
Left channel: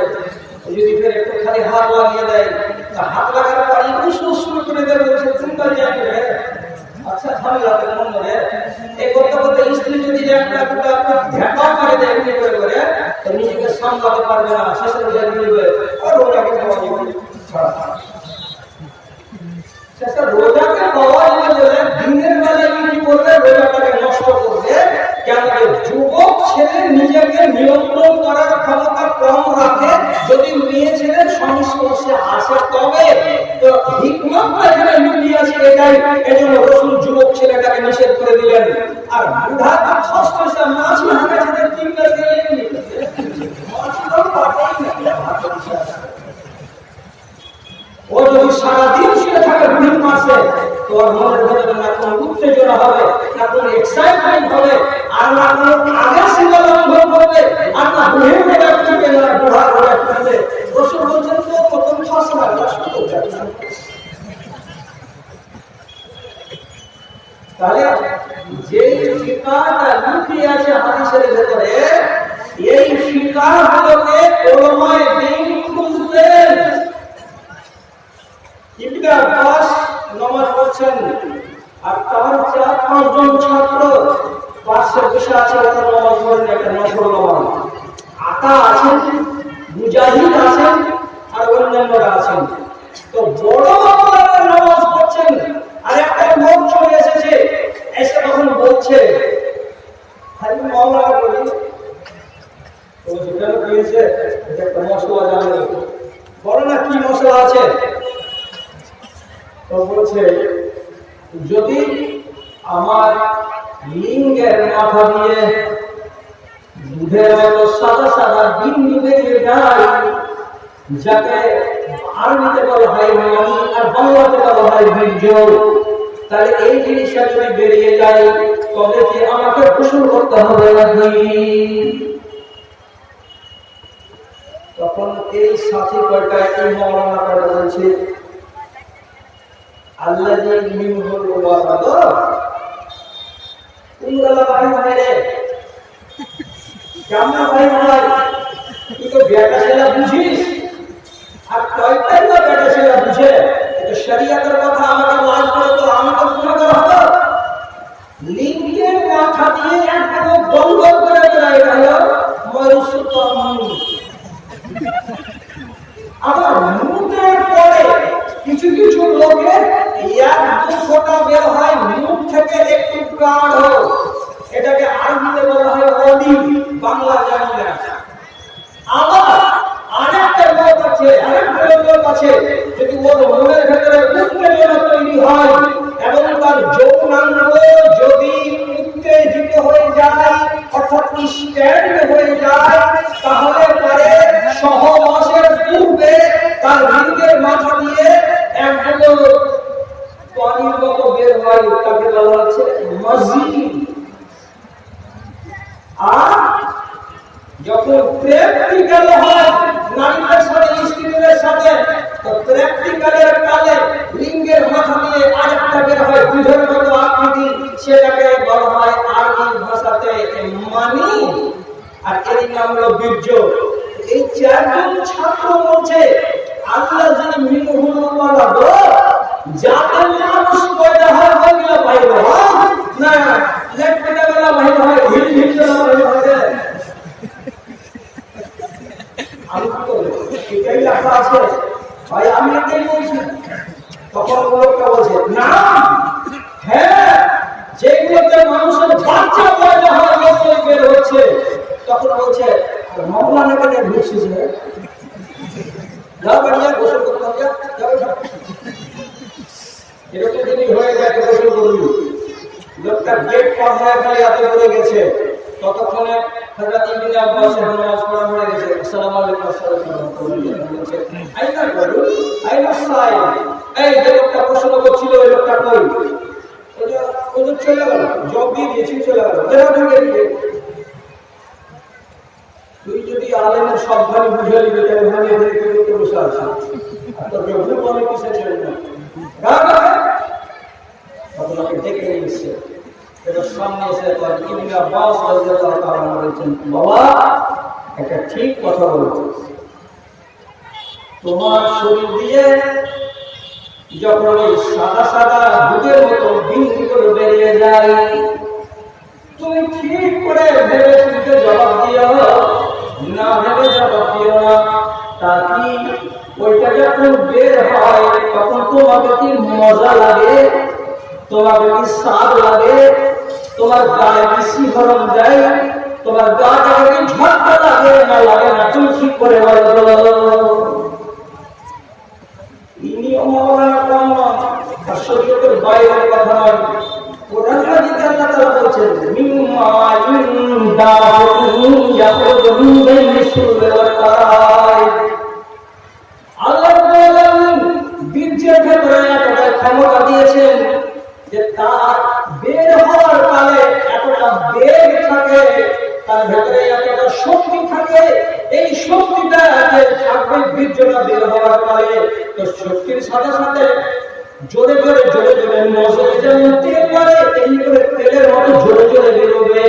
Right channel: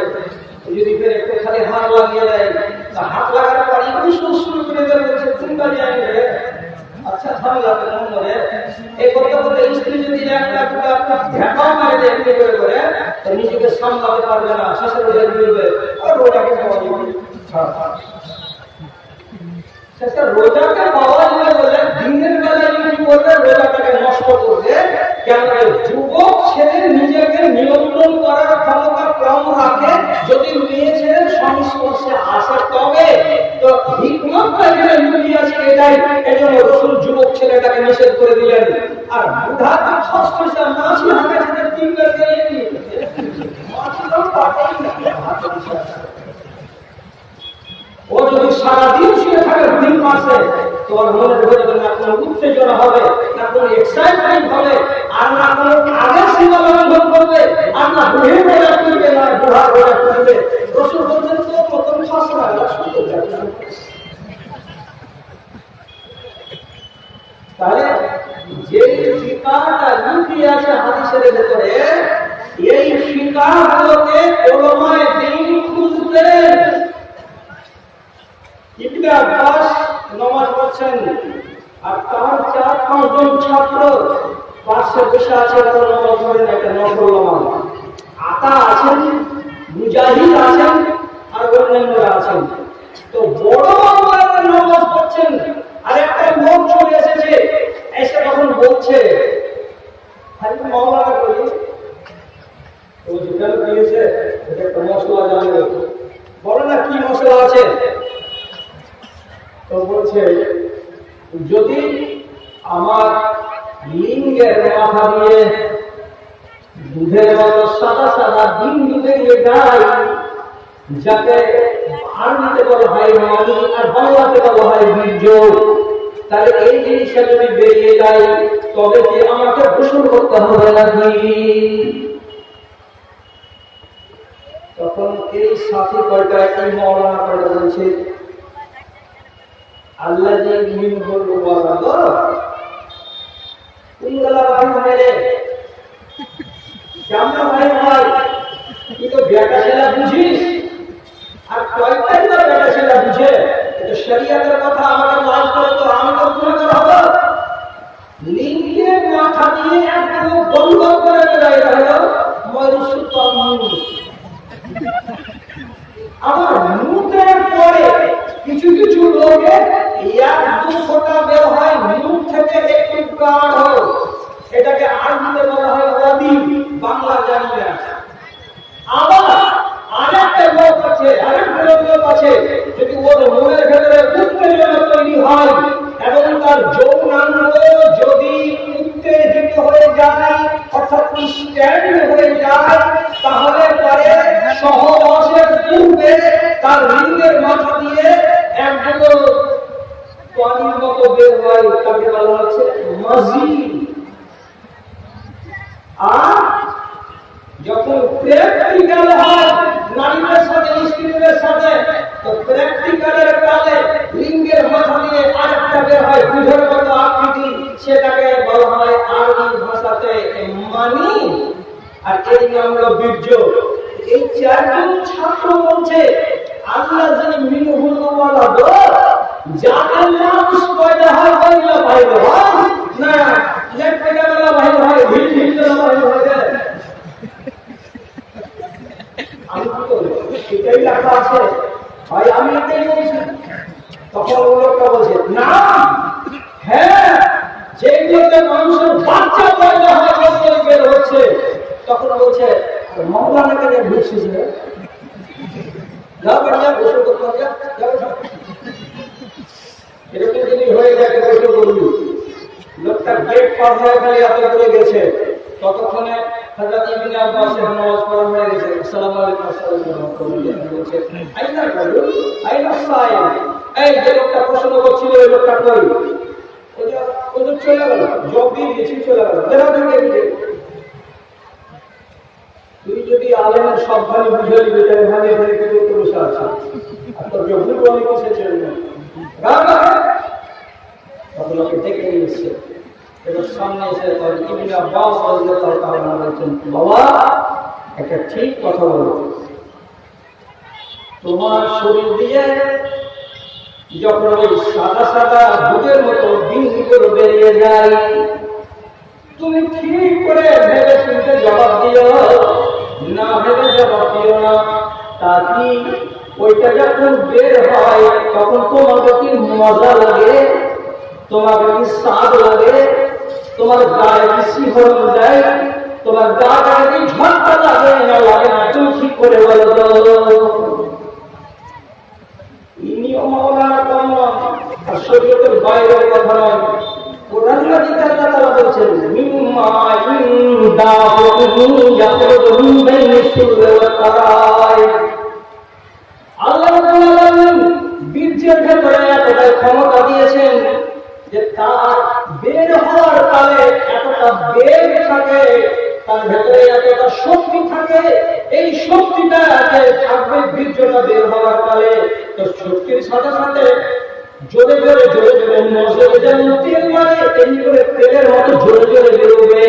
যদি ফের একটু খালি হাত লাগিয়ে দেয়, তা হাত লাগার পর একটু সুরসুর করে দেবে, সে চিন্তা যাবে। আচ্ছা ভালো লাগে মন ধরে এই করতে করতে স্ত্রী যদি একটা ঢেকাও মারে দেয় এমনি করে করে, তো নিজেকে সামলাতে পারবে না, শেষে রোজা করবে আর রোজাকে পাওয়া যাবে। শেষে রোজাকে পাওয়া যাবে বলে দিনের বেলায় কি করবে? রোজাটাকে নষ্ট করবে। কেন? যুবক ছেলে নিজেকে নিয়ন্ত্রণ করার ক্ষমতা কম রাখে, যদি মেয়ে ছেলের সংস্পর্শে আসে তবে। তো হিকমতটা এখানে লুকিয়ে আছে এটাই, এই জন্য রাসূল যুবক ছেলেটাকে নিষেধ করে দিলেন। আর বুড়া তো খস পয়সা মাছি হাঁকা ছেলে তিন কাজ দিয়ে মাছি তো পাঠাই না। ও যদি সারাদিন শুয়ে থাকে বুড়ির পাশে, তোর মনের ভেতরে না কোনো উত্তেজনা হবে, না কোনো এক্সাইটমেন্ট হবে, আর না কোনো আগের সীমা লঙ্ঘন করবে, আর না বুড়ির রোজা করবে, না বুড়ার রোজা করবে। রাসূল বলছেন তো প্রথম খাসনা তাহলে যে ফিকাহটা লুকিয়ে আছে হাদিসের ভেতরে, এই ফিকাহগুলোকে উলামায়ে দ্বীন খুঁজতেন। ইবনে আব্বাস নামাজ পড়ছেন আর তার 4-5 জন ছাত্র পাশে বসে আছে, ওরা নামাজ পড়েন, একটা নফল নামাজ। আতা আছেন, মুজাহিদ আছেন, আর অন্যান্যরা আছেন। তো বড় বাবুরা নামাজ পড়ছেন, আর একটা লোক চলে এসেছে, এসে তখন বলছে খালি মাওলানা বলি, তো যেখানে দিয়েছে এটা একটা মশলা জানলে বলো না কি মশলা আছে। তো বলছে যদি আমার লিঙ্গের মাথা দিয়ে দুধের মতো সাদা সাদা বিন্দু বেরিয়ে যায়, যাকে আরবিতে বলা হয় মানি আর বাংলাতে বলা হয় বীর্য, তাহলে এই জিনিসটা যদি বেরিয়ে যায় তবে কি আমাকে গোসল করতে হবে নাকি? তখন এই সাথী কয়টা, এই মাওলানা কয়টা বলছে আল্লাহ যে মিনহুল ওয়ালাদ, কুঙ্গালা ভাই ভাই রে, কেমন ভাই ভাই, তুই তো বেটা ছেলে বুঝিস, আর কয়েকটাই বা বেটা ছেলে বুঝে। এটা শরীয়তের কথা, আমাকে লাজ করে তো আমি তো গুনাহগার হব। লিঙ্গের মাথা দিয়ে একটু বন্ধ করে দেয়, হলো মরিসুতম। আবার মুখের পরে কিছু কিছু লোকের 1-2 ফোঁটা বের হয় মুখ থেকে, একটু গাঢ়, এটাকে আরবিতে বলা হয় অদি, বাংলা জানি না। আবার আরেকটা লোক আছে, আরেকটা লোক আছে, যদি ওর মনের ভেতরে উত্তেজনা তৈরি হয় এবং তার যৌনাঙ্গ যদি উত্তেজিত হয়ে যায় অর্থাৎ স্ট্যান্ড হয়ে যায়, তাহলে পরে সহবাসের পূর্বে তার লিঙ্গের মাথা দিয়ে একগুলো পানির মতো বের হয়, তাকে বলা হচ্ছে মাজি। আর যখন প্র্যাকটিক্যাল হয় নারীদের সাথে স্ত্রীদের সাথে, তো প্র্যাকটিক্যালের কালে লিঙ্গের মাথা দিয়ে আরেকটা বের হয় দুধের মতো আকৃতি, সেটাকে বলা হয় আরবি ভাষাতে মানি, আর এই নাম হলো বীর্য। এই চারজন ছাত্র বলছে আল্লাহ যিনি মিনহুল ওয়ালাদ, যাতে মানুষ পয়দা হয় ওইগুলো বাইরে হয় না, লেট পয়দা গুলো বাইরে হয়, ভিড় ভিড় বাইরে হয়। আমি কি করবো? এটাই লেখা আছে ভাই, আমি এটাই বলছি। তখন লোকটা বলছে না, হ্যাঁ যেগুলোতে মানুষের বাচ্চা পয়দা হয় ওই বের হচ্ছে। তখন বলছে মৌলানা কেন ঢুকছিস রে, যা বাড়িয়া গোসল করতে হবে, এরকম যদি হয়ে যায় তো গোসল করবি। লোকটা গেট পার হয়ে গেলে এত করে গেছে, ততক্ষণে হযরত ইবনে আব্বাসের নামাজ পড়া হয়ে গেছে। আসসালামু আলাইকুম, আসসালামু আলাইকুম বলছে, আইনা বলু আইনা সাইল, এই যে লোকটা প্রশ্ন করছিল ওই লোকটা কই? ওই যে চলে গেল, জব দিয়ে দিয়েছি, চলে গেল। বেরাও দিয়ে দিয়ে তুই যদি আলেমের সব ভালো বুঝে নিবি তাহলে ভালো এখানে করতে বসে আছে, আর তোর ভুল অনেক কিছু ছিল না। আপনাকে ডেকে নিয়ে এসছে, এবার সামনে এসে তার ইবনে আব্বাস রাদিয়াল্লাহু তাআলা বলেছেন, বাবা একটা ঠিক কথা বলেছে, তোমার শরীর দিয়ে যখন ওই সাদা সাদা দুধের মতো বিন্দু করে বেরিয়ে যায়, তুমি ঠিক করে ভেবে চিন্তে জবাব দিও, না ভেবে জবাব দিও না। তা কি ওইটা যখন বের হয় তখন তোমাকে কি মজা লাগে, তোমাকে কি স্বাদ লাগে, তোমার গায়ে কি শিহরণ যায়, তোমার গাটাকে কি ঝটকা লাগে না লাগে না, তুমি ঠিক করে বলো। নিয়ম মানা কম নয়, আর শরীয়তের বাইরের কথা নয়। কোরআন মাজিদে আল্লাহ তাআলা বলেছেন, মিম্মা ইনদাকুম ইয়াখরুজু মিন বাইনি সুলবি ওয়াত তারাইব। আল্লাহ রাব্বুল আলামিন বীর্যের ভেতরে এতটা ক্ষমতা দিয়েছেন যে তার বের হওয়ার কালে এতটা বেগ থাকে, তার ভেতরে এতটা শক্তি থাকে। এই শক্তিটা যে থাকবে বীর্যটা বের হওয়ার কালে, তো শক্তির সাথে সাথে জোরে জোরে জোরে জোরে নজরে যেমন তেল করে তেমনি করে তেলের মতো জোরে জোরে বেরোবে।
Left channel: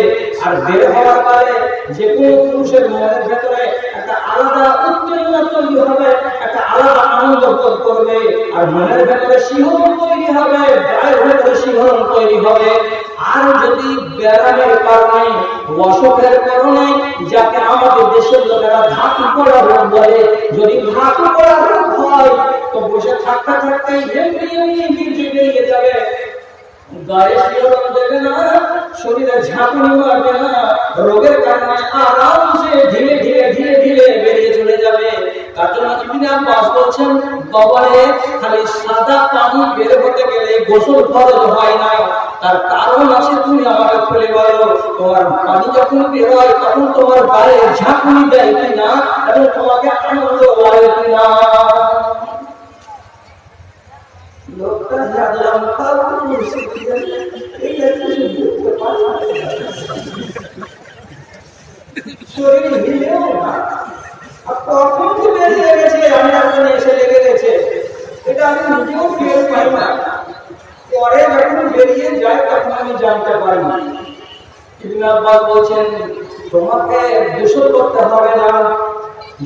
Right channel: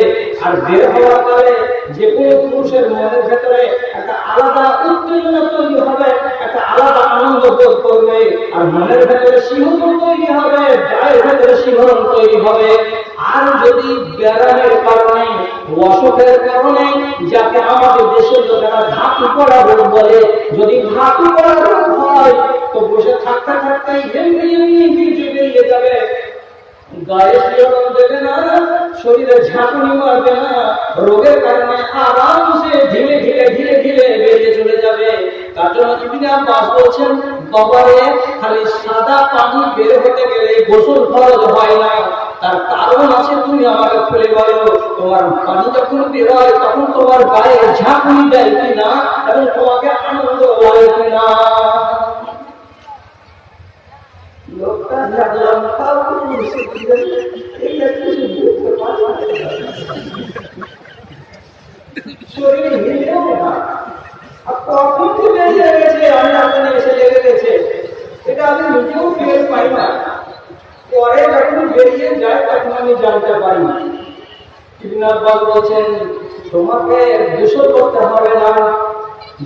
আর বের হওয়ার পরে যে কোনো পুরুষের মনের ভেতরে একটা আলাদা উত্তেজনা তৈরি হবে, একটা আলাদা আনন্দ বোধ করবে, আর মনের ভেতরে শিহরণ তৈরি হবে, গায়ের ভেতরে শিহরণ তৈরি হবে। আর যদি ব্যারামের কারণে, অসুখের কারণে, যাকে আমাদের দেশের লোকেরা ধাতু পড়া রোগ বলে, যদি ধাতু পড়া রোগ হয় তো বসে থাকতে থাকতে এমনি এমনি বীর্য বেরিয়ে যাবে, গায়ে শিহরণ দেবে না, শরীরে ঝাঁকুনি মারবে না, রোগের কারণে আরামসে ধীরে ধীরে ধীরে ধীরে বেরিয়ে চলে যাবে। তার জন্য ইবনে আব্বাস বলছেন, বাবারে খালি সাদা পানি বের হতে গেলে গোসল ফরজ হয় না, তার কারণ আছে, তুমি আমাকে খুলে বলো। তোমার পানি যখন বের হয় তখন তোমার গায়ে ঝাঁকুনি দেয় কিনা এবং তোমাকে আনন্দ লাগে কিনা। লোকটা জানলাম খাও কুরসি দিয়ে এটা কিছু বুঝতে পারলাম শরীর হিলেও না, আর কখন কি বেরিয়ে গেছে আমি আপনার এসে লেগে গেছে, এটা আমি নিজেও টের পাই না, পরে যখন বেরিয়ে যায় তখন আমি জানতে পারি। ইবনে আব্বাস বলছেন, তোমাকে গোসল করতে হবে না,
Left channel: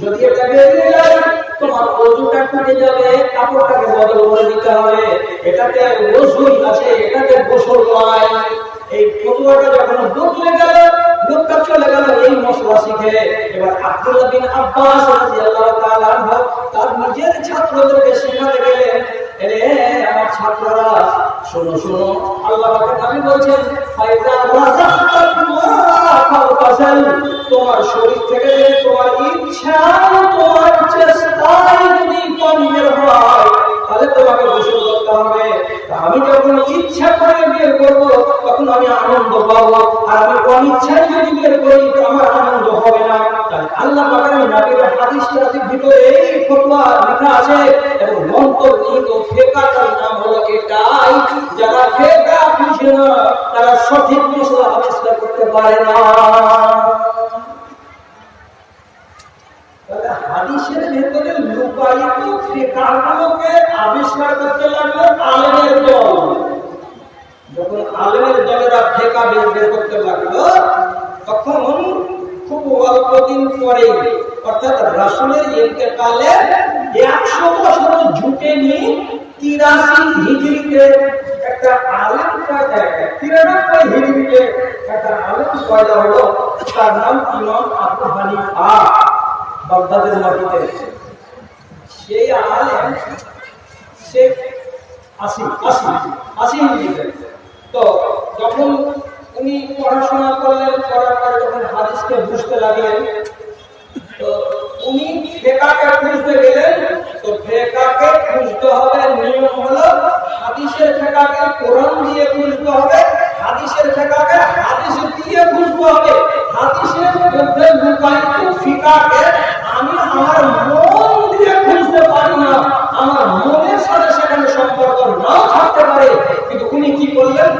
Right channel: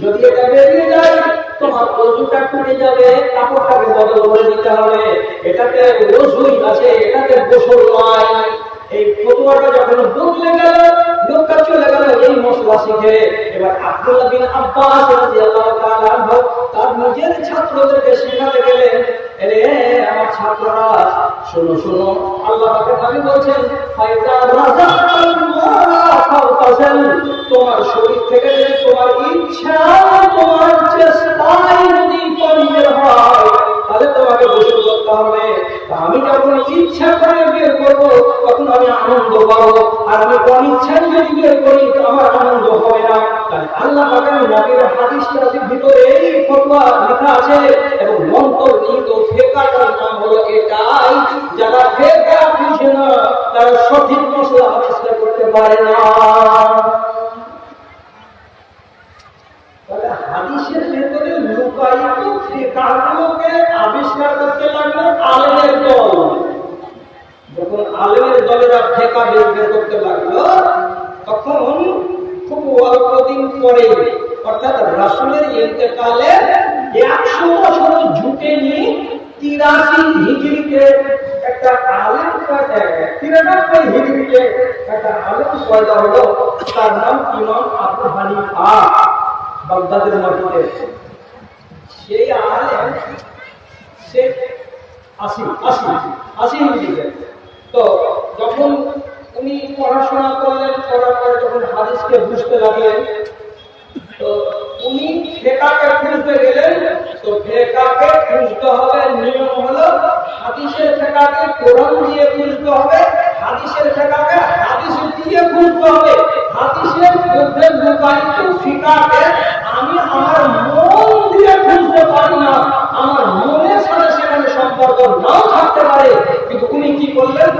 যদি এটা বেরিয়ে যায় তোমার ওযুটা খুলে যাবে, কাপড়টাকে বদল করে দিতে হবে, এটাতে ওযুই আছে, এটাতে গোসল নয়। এই ফতোয়াটা যখন বদলে গেল, লোকটা চলে গেল এই মশলা শিখে। এবার আব্দুল্লাহ বিন আব্বাস রাদিয়াল্লাহু তাআলা আনহু তার নিজের ছাত্রদেরকে শেখাতে গেলেন, এরে আমার ছাত্ররা শোনো শোনো, আল্লাহ পাকের নবী বলছেন ফাইদা রাযাক্তাল্লাহ ফাওতাসাল, তোমার শরীর থেকে যদি তোমার ইচ্ছা তোমার চেষ্টায় যদি পানি বের হয় তাহলে তোমাকে গোসল করতে হবে। আমি যখন ইচ্ছা করে বের করবো তখন আমি আনন্দ পাবো, আর আমি অনিচ্ছায় যদি বের করি তো আমার আনন্দ হবে না। তাই আল্লাহ পাকের নবীর হাদিসটার ভিতরে এই ফতোয়া লেখা আছে এবং অন্তর্নিহিত ফিকহের নাম হলো এটাই, যারা ফিকহ বুঝে না তারা সঠিক মশলা আবিষ্কার করতে পারে না। হাদিসের ভেতরে লুকায়িত ফিকহগুলোকে আবিষ্কার করতে লাগলো আলেমের দল। যখন আলেমের দলেরা ফিকহ বের করতে লাগলো তখন খুব অল্প দিন পরে, অর্থাৎ রাসূলের ইন্তেকালের 100 বছর জুটে নিয়ে 83 হিজরিতে একটা আলেম পয়দা, 93 হিজরিতে একটা আলেম পয়দা হলো, তার নাম ইমাম আবু হানিফা, বাগদাদের মাটিতে। সেই আলেম সে 80 হিজরিতে। তো যখন উনি পড়াশোনা করলেন, করার পরে যখন হাদিসকে বুঝতে লাগলেন তো উনি ফিকহকে খুঁজতে গেলেন। তো ফিকহকে খুঁজতে হবে, নিয়ম হলো হাদিসের ফিকহকে কোরআন দিয়ে খুঁজতে হবে, হাদিসের ফিকহকে হাদিস দিয়ে খুঁজতে হবে। হাদিসের মধ্যে লুকায়িত ফিকহকে আমি আমার মন দিয়ে খুঁজতে পারি না, আমার মনের সাথে সেখানে সম্পর্ক নাও থাকতে পারে, কিন্তু উনি কি করলেন,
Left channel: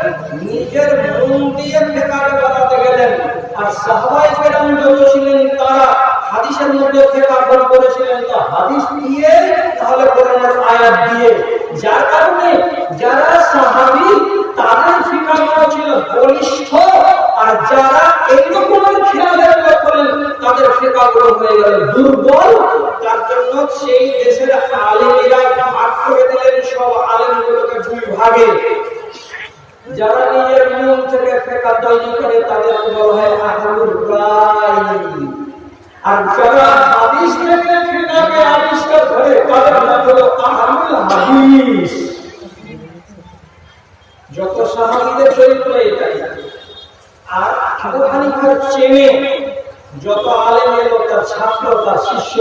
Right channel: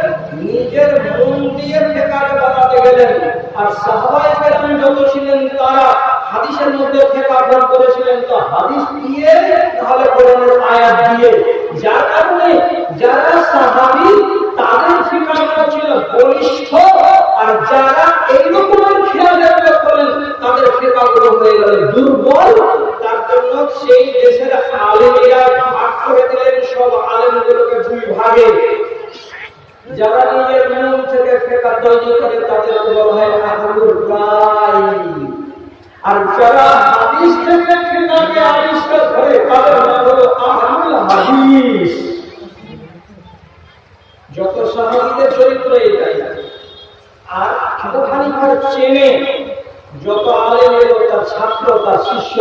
নিজের মন দিয়ে ফিকহকে বানাতে গেলেন। আর সাহাবায়ে কেরাম যত ছিলেন তারা হাদিসের মধ্যে ফিকহ বের করেছিলেন, তো হাদিস দিয়ে তাহলে কোরআনের আয়াত দিয়ে, যার কারণে যারা সাহাবী তাদের ফিকহ ছিল বলিষ্ঠ, আর যারা এই রকমের খেয়ালের লোক করেন তাদের ফিকহগুলো হয়ে গেল দুর্বল। তার জন্য সেই দেশের আলেমেরা ভাগ করে দিলেন সব আলেমগুলোকে দুই ভাগে। যারা নিজের মন থেকে ফিকহ তৈরি করে তাদের বলা হয় আহলুর রায়, আর যারা হাদিস থেকে ফিকহকে আবিষ্কার করে তাদের নাম হলো আহলুল হাদিস। যত সাহাবীদের চরিত্র এটাই। আর আবু হানিফার চেনে যত আলেম এলো, তার ছাত্র তার শিষ্য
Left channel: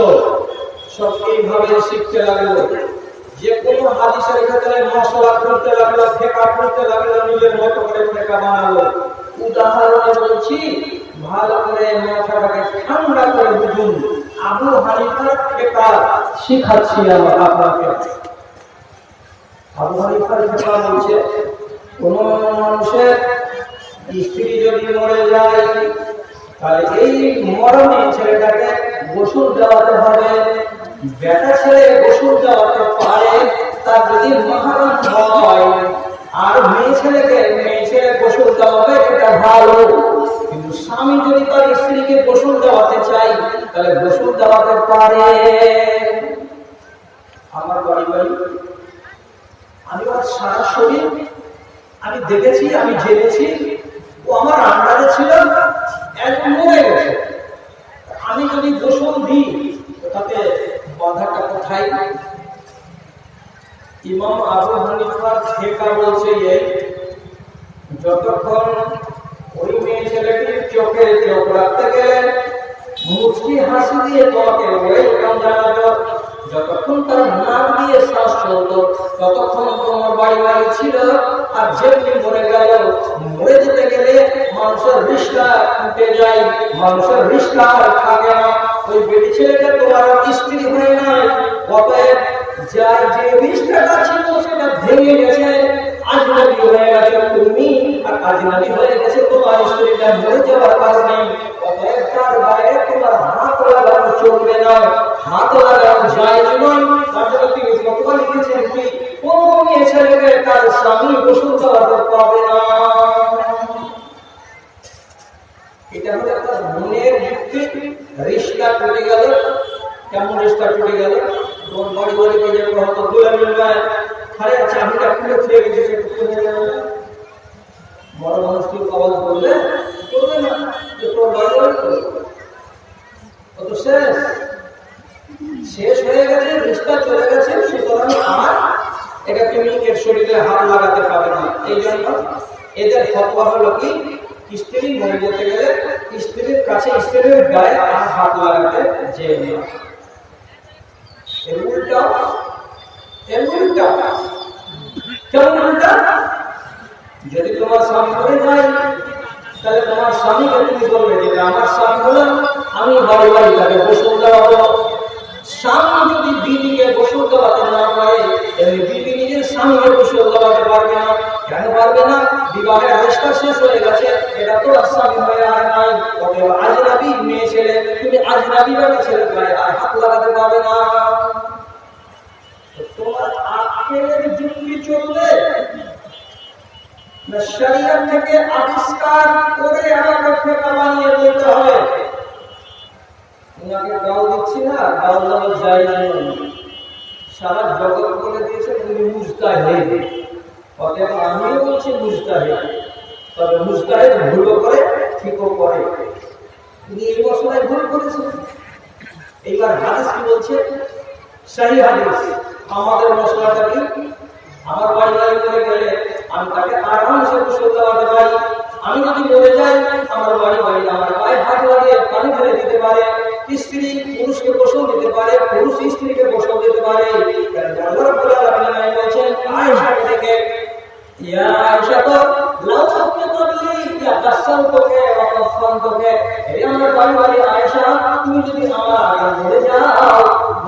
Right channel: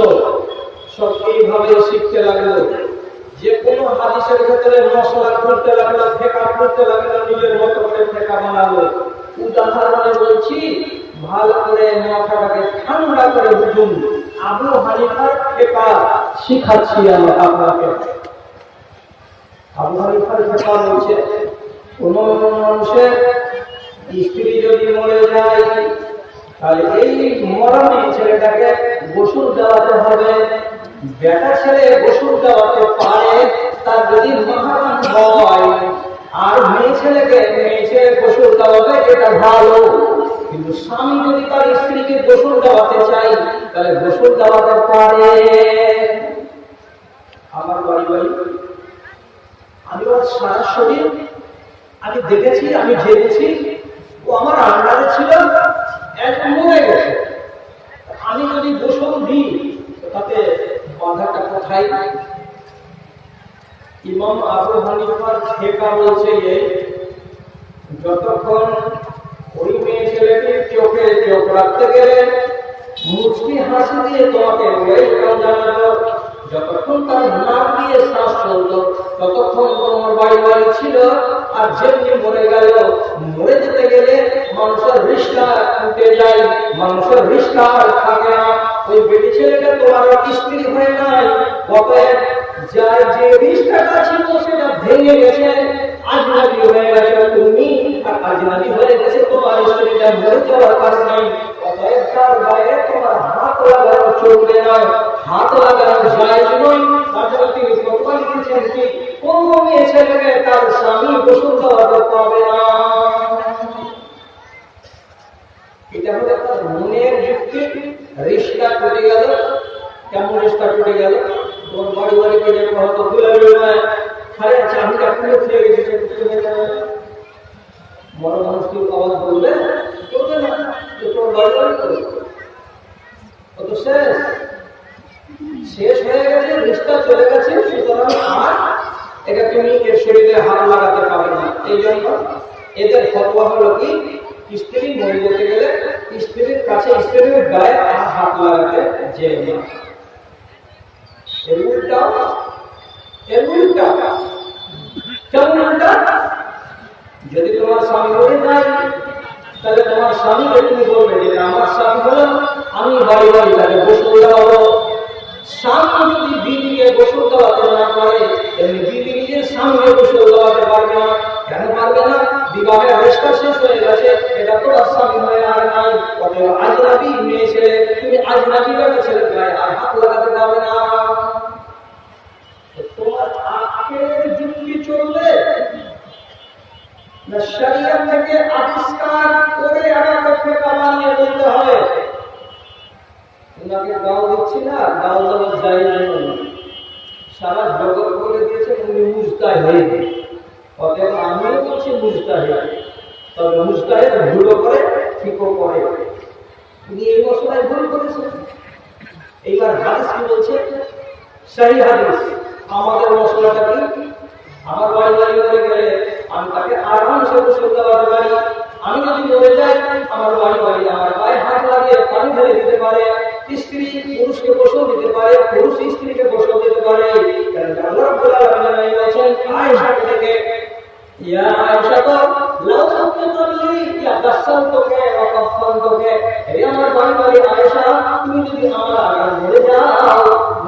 সব এইভাবে শিখতে লাগলো। যে কোনো হাদিসের ক্ষেত্রে মশলা করতে লাগলো, ফিকহ করতে লাগলো, নিজের মতো করে ফিকহ বানালো। উদাহরণে বলছি, ভালো করে মাথাটাকে ঠান্ডা করে বুঝুন। আবু হানিফার ফিকহ শিখাচ্ছি আমরা আপনাকে। আবু হানিফার ফিকহ বলছে, কোন মানুষের স্ত্রী যদি মরে যায় তাহলে এই মরণে ছেলেটাকে গোসল দেওয়াতে হবে। বেটা ছেলে গোসল দেওয়াতে পারে তার যদি মাহরাম হয়, আর মেয়ে ছেলে গোসল দেওয়াবে এটা ভালো। কিন্তু স্বামী যদি তার স্ত্রীকে গোসল দেওয়াতে চাই তাহলে গোসল দেওয়াতে পারে। আমার বাড়ি আমি সারা শরীর আমি দেখেছি, আমি জেনেছি, ও আমার আন্ডারে ছিল, একদম মরে গেছে। আমি যদি গোসল দিই তাতে বাধাটা কোথায়? ইমাম আবু হানিফার ফিকহ বলছে এই, যতক্ষণ ওই মেয়ে ছেলেটির চোখে চোখ রাখতে গেলেন, মুচকি হাসি দিয়ে তোমাকে ওয়েলকাম জানাতো, যতক্ষণ তার নাক দিয়ে শ্বাস চলত ততক্ষণ তোমার বাড়ি ছিল। আর যেমনি মরে গেল, মরে যেতে গেলে মানুষের রিস্কা উঠে যায়, মানুষের রিস্কা থাকে না। ওই বেটি ছেলেটা তোমার স্ত্রী হয়ে নাই, অতএব যাই যে রিস্কাটা ছিল সেটা ভেঙে গেছে, আজনাবি হয়ে গেছে তুমি, আর আজনাবি হয়ে গেছে তোমার স্ত্রীটা, মরে যাওয়ার কারণে। অতএব তার গায়ে তোমার হাত লাগানো চলবে না, হাত লাগানো জায়েজ নয়। তার জন্য তিনি ফতোয়া লিখেছেন কি কোন মেয়ে ছেলেকে তার স্বামী গোসল দেওয়াতে পাবে না। এটা হলো একটা মনের যুক্তি। রিশতা টুটে গেল, কেমন রিশতা টুটে গেল? তোমার বাড়িকে যাবো, হয়তো গোলামি নয়, আরে চাবিটা খুলে ফিরে গেছে, একটু খুলে যাবে। বড় মানুষ কি আওয়াজ করবে না, তোমার বাড়ি করবে, কত শেষ হয়ে গেছে, রিশতা চলে গেছে। সুতরাং আর এটা তুমি এর শরীরে হাত লাগাতে পারবে না। এই জন্য এদের ফতোয়া হলো কি, স্ত্রী মরে যেতে গেলে স্ত্রীর কাছে স্ত্রীর গায়ে আর হাত লাগাতে যেও না। এর উল্টা কেমন উল্টা? যদি তোমার স্বামী মরে যায় তাহলে তোমার স্বামীকে তুমি বলবে যে আমার স্বামী হলো, আমি বাড়ি বাড়ি তাকে গোসল দেওয়াবো। স্বামী যদি বিবিকে গোসল দেওয়াতে না পারে, এমনি বিবি নিজের স্বামীকে গোসল দেওয়াতে পারবে না। কেন পারবে না? বিবাহের রেশটা শেষ হয়ে গেছে, এটা তো আর স্বামী হয়ে আর নাই। অতএব আজনবী মেয়ে ছেলে, তুমি আজনবী বেটা ছেলে গায়ে আর হাত লাগাতে পারবে না। তোমার আখের যুক্তি চলবে না শরীয়ত থেকে আবিষ্কার করে আগে ফেকা বানিয়ে বলতে হবে? ওনাকে গাও দিচ্ছি না, গাও দেওয়া যায় না, সারা জগৎ বলে দিয়েছে উনি মুজতাহিদ। অতএব আমিও বলছি মুজতাহিদ, তবে মুজতাহিদ ভুলও করে ঠিকও করে। উনি এই মশলায় ভুল করেছেন। এইবার হাদিস কি বলছে? সহি হাদিস। আমাদের মশলাটা কি? আমার বাড়ি বাড়ি মরে গেলে আমি তাকে আরামসে গোসল দেওয়াতে পারি। আমি যদি মরে যাই আমার বাড়ি বাড়ি আমার গায়ে হাত লাগিয়ে পানি ঢেলে দিতে পারে। স্ত্রী পুরুষকে গোসল দিতে পারে, পুরুষ স্ত্রীকে গোসল দিতে পারে। আল্লাহ রাব্বুল আলামিন বলেছেন আয়েশাকে ডেকে, ইয়া আয়েশা তো লাউ তাকতালি ইয়া দাসালতকে ওয়া কাফালতকে, হে আমার বাড়ি বাড়ি আয়েশা, তুমি যদি আমার আগে মরে যাও,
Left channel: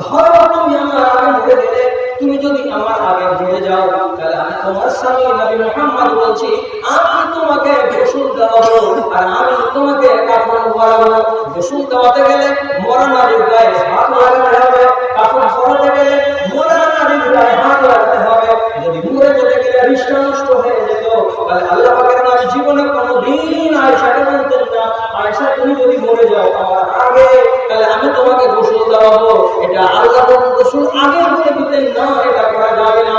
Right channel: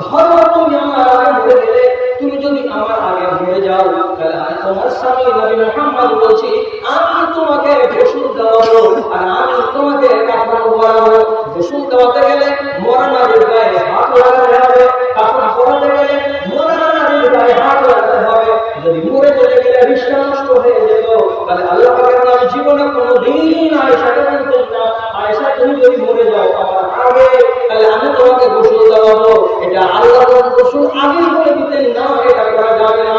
ধরো তুমি আমার আগে মরে গেলে, তুমি যদি আমার আগে মরে যাও, তাহলে আমি তোমার স্বামী নবী মুহাম্মদ বলছি, আমি তোমাকে গোসল দেওয়াবো আর আমি তোমাকে কাফন পরাবো। গোসল দেওয়াতে গেলে মরা নারীর গায়ে হাত লাগাতে হবে, কাফন পরাতে গেলে মরা নারীর গায়ে হাত লাগাতে হবে। যদি মরে যেতে গেলে রিশতা নষ্ট হয়ে যেত, তাহলে আল্লাহ পাকের নবী জীবনে কোনোদিন আয়েশাকে বলতেন না, আয়েশা তুমি যদি মরে যাও আমার আগে, তাহলে আমি তোমাকে গোসল দেওয়াবো। এটা আল্লাহর গোসল আগে বলে দিতেন না, এটা করা যাবে না।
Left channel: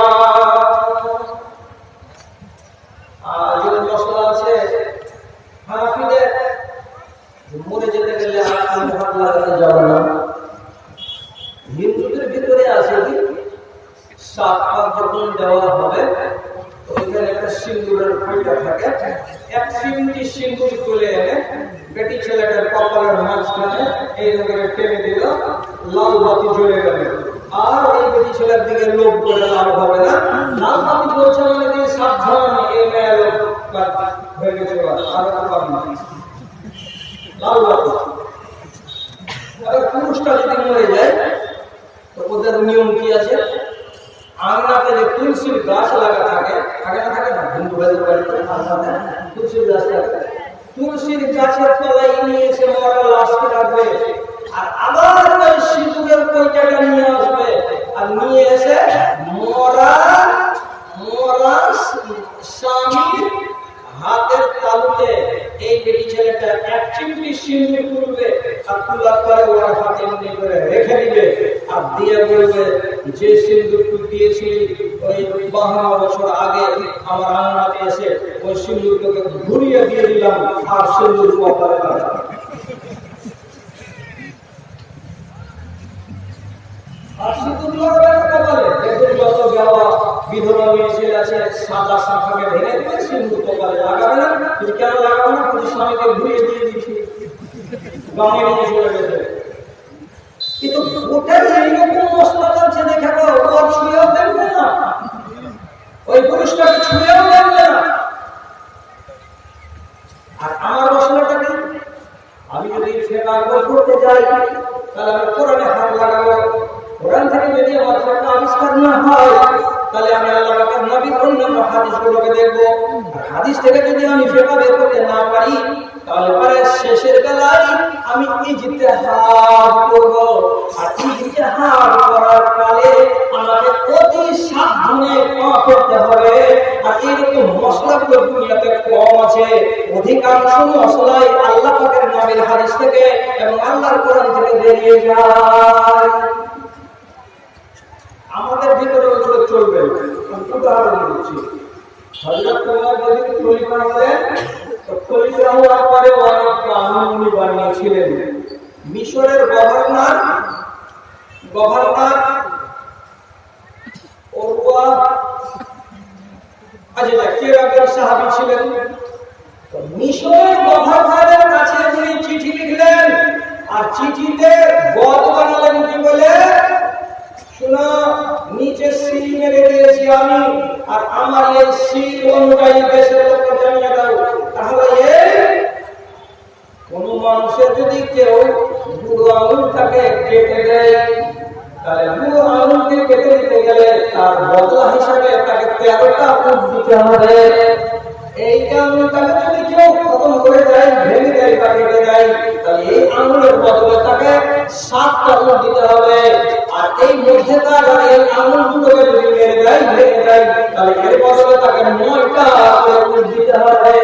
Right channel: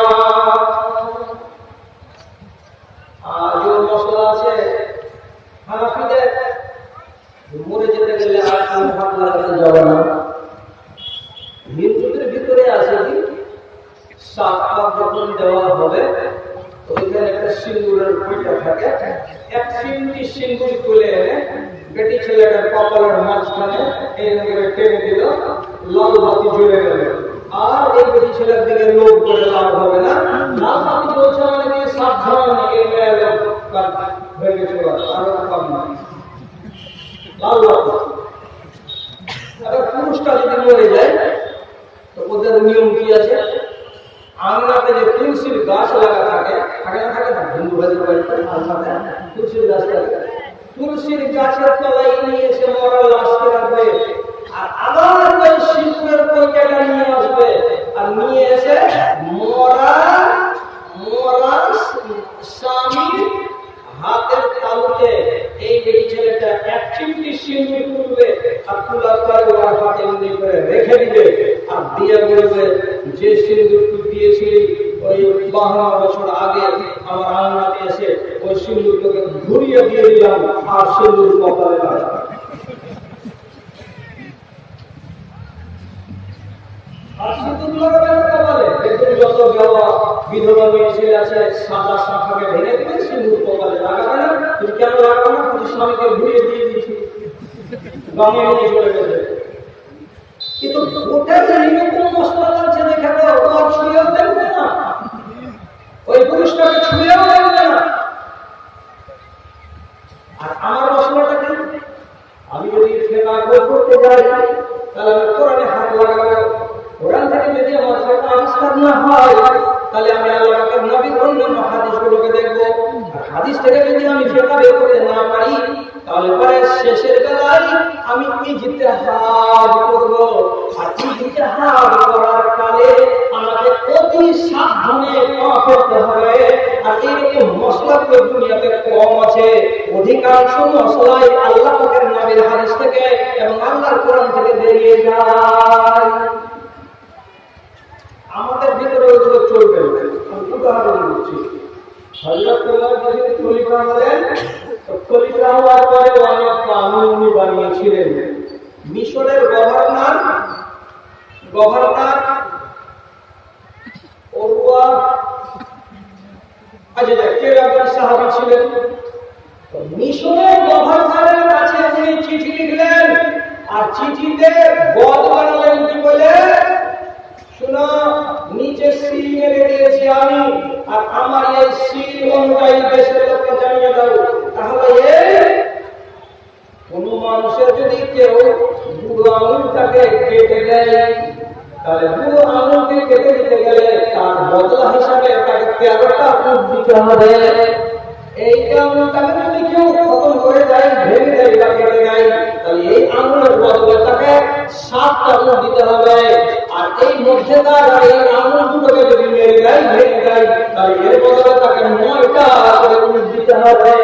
আর যে মশলা আছে হানাফিদের, মরে যেতে গেলে আর হাত লাগাতে যাবে না। হিন্দুদের ভিতরে আছে কি, সাত পাক যখন দেওয়া হবে ওইখানে একটা সিন্দুরের পিঠা থাকে, এক সিমটি সিন্দুর তুলে এনে বেটি ছেলেটার কপালের মাঝখানে এইরকম করে টেনে দিল, লাল বাতি জ্বলে গেল। আর এই বেটি ছেলের দিকে লোভ করে লাভ হবে না, লাল বাতি জ্বলছে মানে দিয়ে সাবধান, এই মেয়ে লোক হয়ে গেছে, আরো পাবি না লাল বাতি। আবার পুরুষটা যদি মরে যায় তো ওদের নিয়ম কি আছে, আঙনাতে যে তুলসীর গাছ লাগা থাকে, থাকে না হিন্দু ভাইদের বাড়িতে তুলসীর গাছ থাকে, তুলসীর গাছের তলায় নিয়ে এসে মরা লাশকে রাখবে, আর আবার ওই সিঁদুরের কইটাটা নিয়ে আসবে, আর নিয়ে এসে মরা স্বামীর হাতের তালুতে এই বেটি ছেলেটা এক চিমটি সিঁদুর তুলবে, আর তোলার পরে ওর হাতে এমনি করে রেখে দিবে, আর দিয়ে বলবে যে সিঁদুর তুই দিয়েছিলি ওই 52 বছর আগে আমার আঙনাতে এসে, ওই সিঁদুর তোকে ঘুরিয়ে দিয়ে দিলাম, আর সিঁদুর কপালে লাগা। আর সিঁদুর লাগাবে না কপালে, দেখুন যত দেওয়া বিধবা মেয়ে ছেলে আছে সাদা শাখাকে ভেঙে দেবে, সিঁদুর কপালে লাগাবে না। তুমি কেন লাগাবে না? তুমি স্বামীকে ঘুরিয়ে দিয়ে দিয়েছি, গামে নিয়ে চলে গেছে। কিন্তু ওটাই এইরকম মশলা লাগছে, দেখাবো ওর ছুঁয়েও দেখবে না, ওই পুরুষটাকে ছুঁয়েও দেখবে না। আর আমার মশলাটাকে আমি যদি ফেকা করতে যাই, তাহলে আমি কোরআনে হাত লাগাবো। কোরআন থেকে যদি আমার ফেকা আবিষ্কার না হয়, তাহলে আমি আল্লাহ পাকের নবীর অন্যান্য হাদিসগুলোকে দেখবো। আর হাদিস থেকে যদি আমি ফেকা বের করতে না পারি, তাহলে পরে শেষের বেলায় আমি ইজতিহাদ করব। আর ইজতিহাদ করার কালে আমাকে অতি সাবধানে করতে হবে। আর এরকম মশলাগুলো দুনিয়াতে কম আছে, অধিকাংশ মশলাই আল্লাহ পাকের নবীর হাদিস থেকে এবং আল্লাহর কোরআন থেকে বেরিয়ে যায়। আমাদের ভিতরে ওইগুলো চলবে। আমি উদাহরণ দিচ্ছি, হযরত ওমর যদি খলিফা হলেন, তো খলিফা হওয়ার পরে অনেক কানুন উনি বানিয়েছিলেন। মিশরের গভর্নর ওরওয়া আচ্ছা কেউ একজন সাহাবী ছিলেন, মিশরের গভর্নরের কাছে উনি চিঠি লিখলেন, আর চিঠিতে গদ বানালেন কি বলে, শোনো নিচে সিল মেরে দিয়েছি আমি, আর আমার এই সিল অনুযায়ী দেশের লোককে জানিয়ে দাও। তাহলে কোন মানুষের যদি কেউ বুড়ো আঙুলটাকে কেটে দেয়, তাহলে বুড়ো আঙুলকে কেটে দিতে গেলে তার বদলা হিসাবে তাকে 13টা উট দিতে হবে। এই আঙুলটাকে যদি কেউ খতম করে দেয়, ভেঙে দেয় বা কেটে দেয়, তাহলে এই আঙুলের বদলে তাকে 7টা উট দিতে হবে। আর এই মধ্যেকার এই আঙুল দুটোকে যদি মেরে দেয়, ভেঙে দেয়, তাহলে এর বদলে তাকে 9টা করে উট দিতে হবে।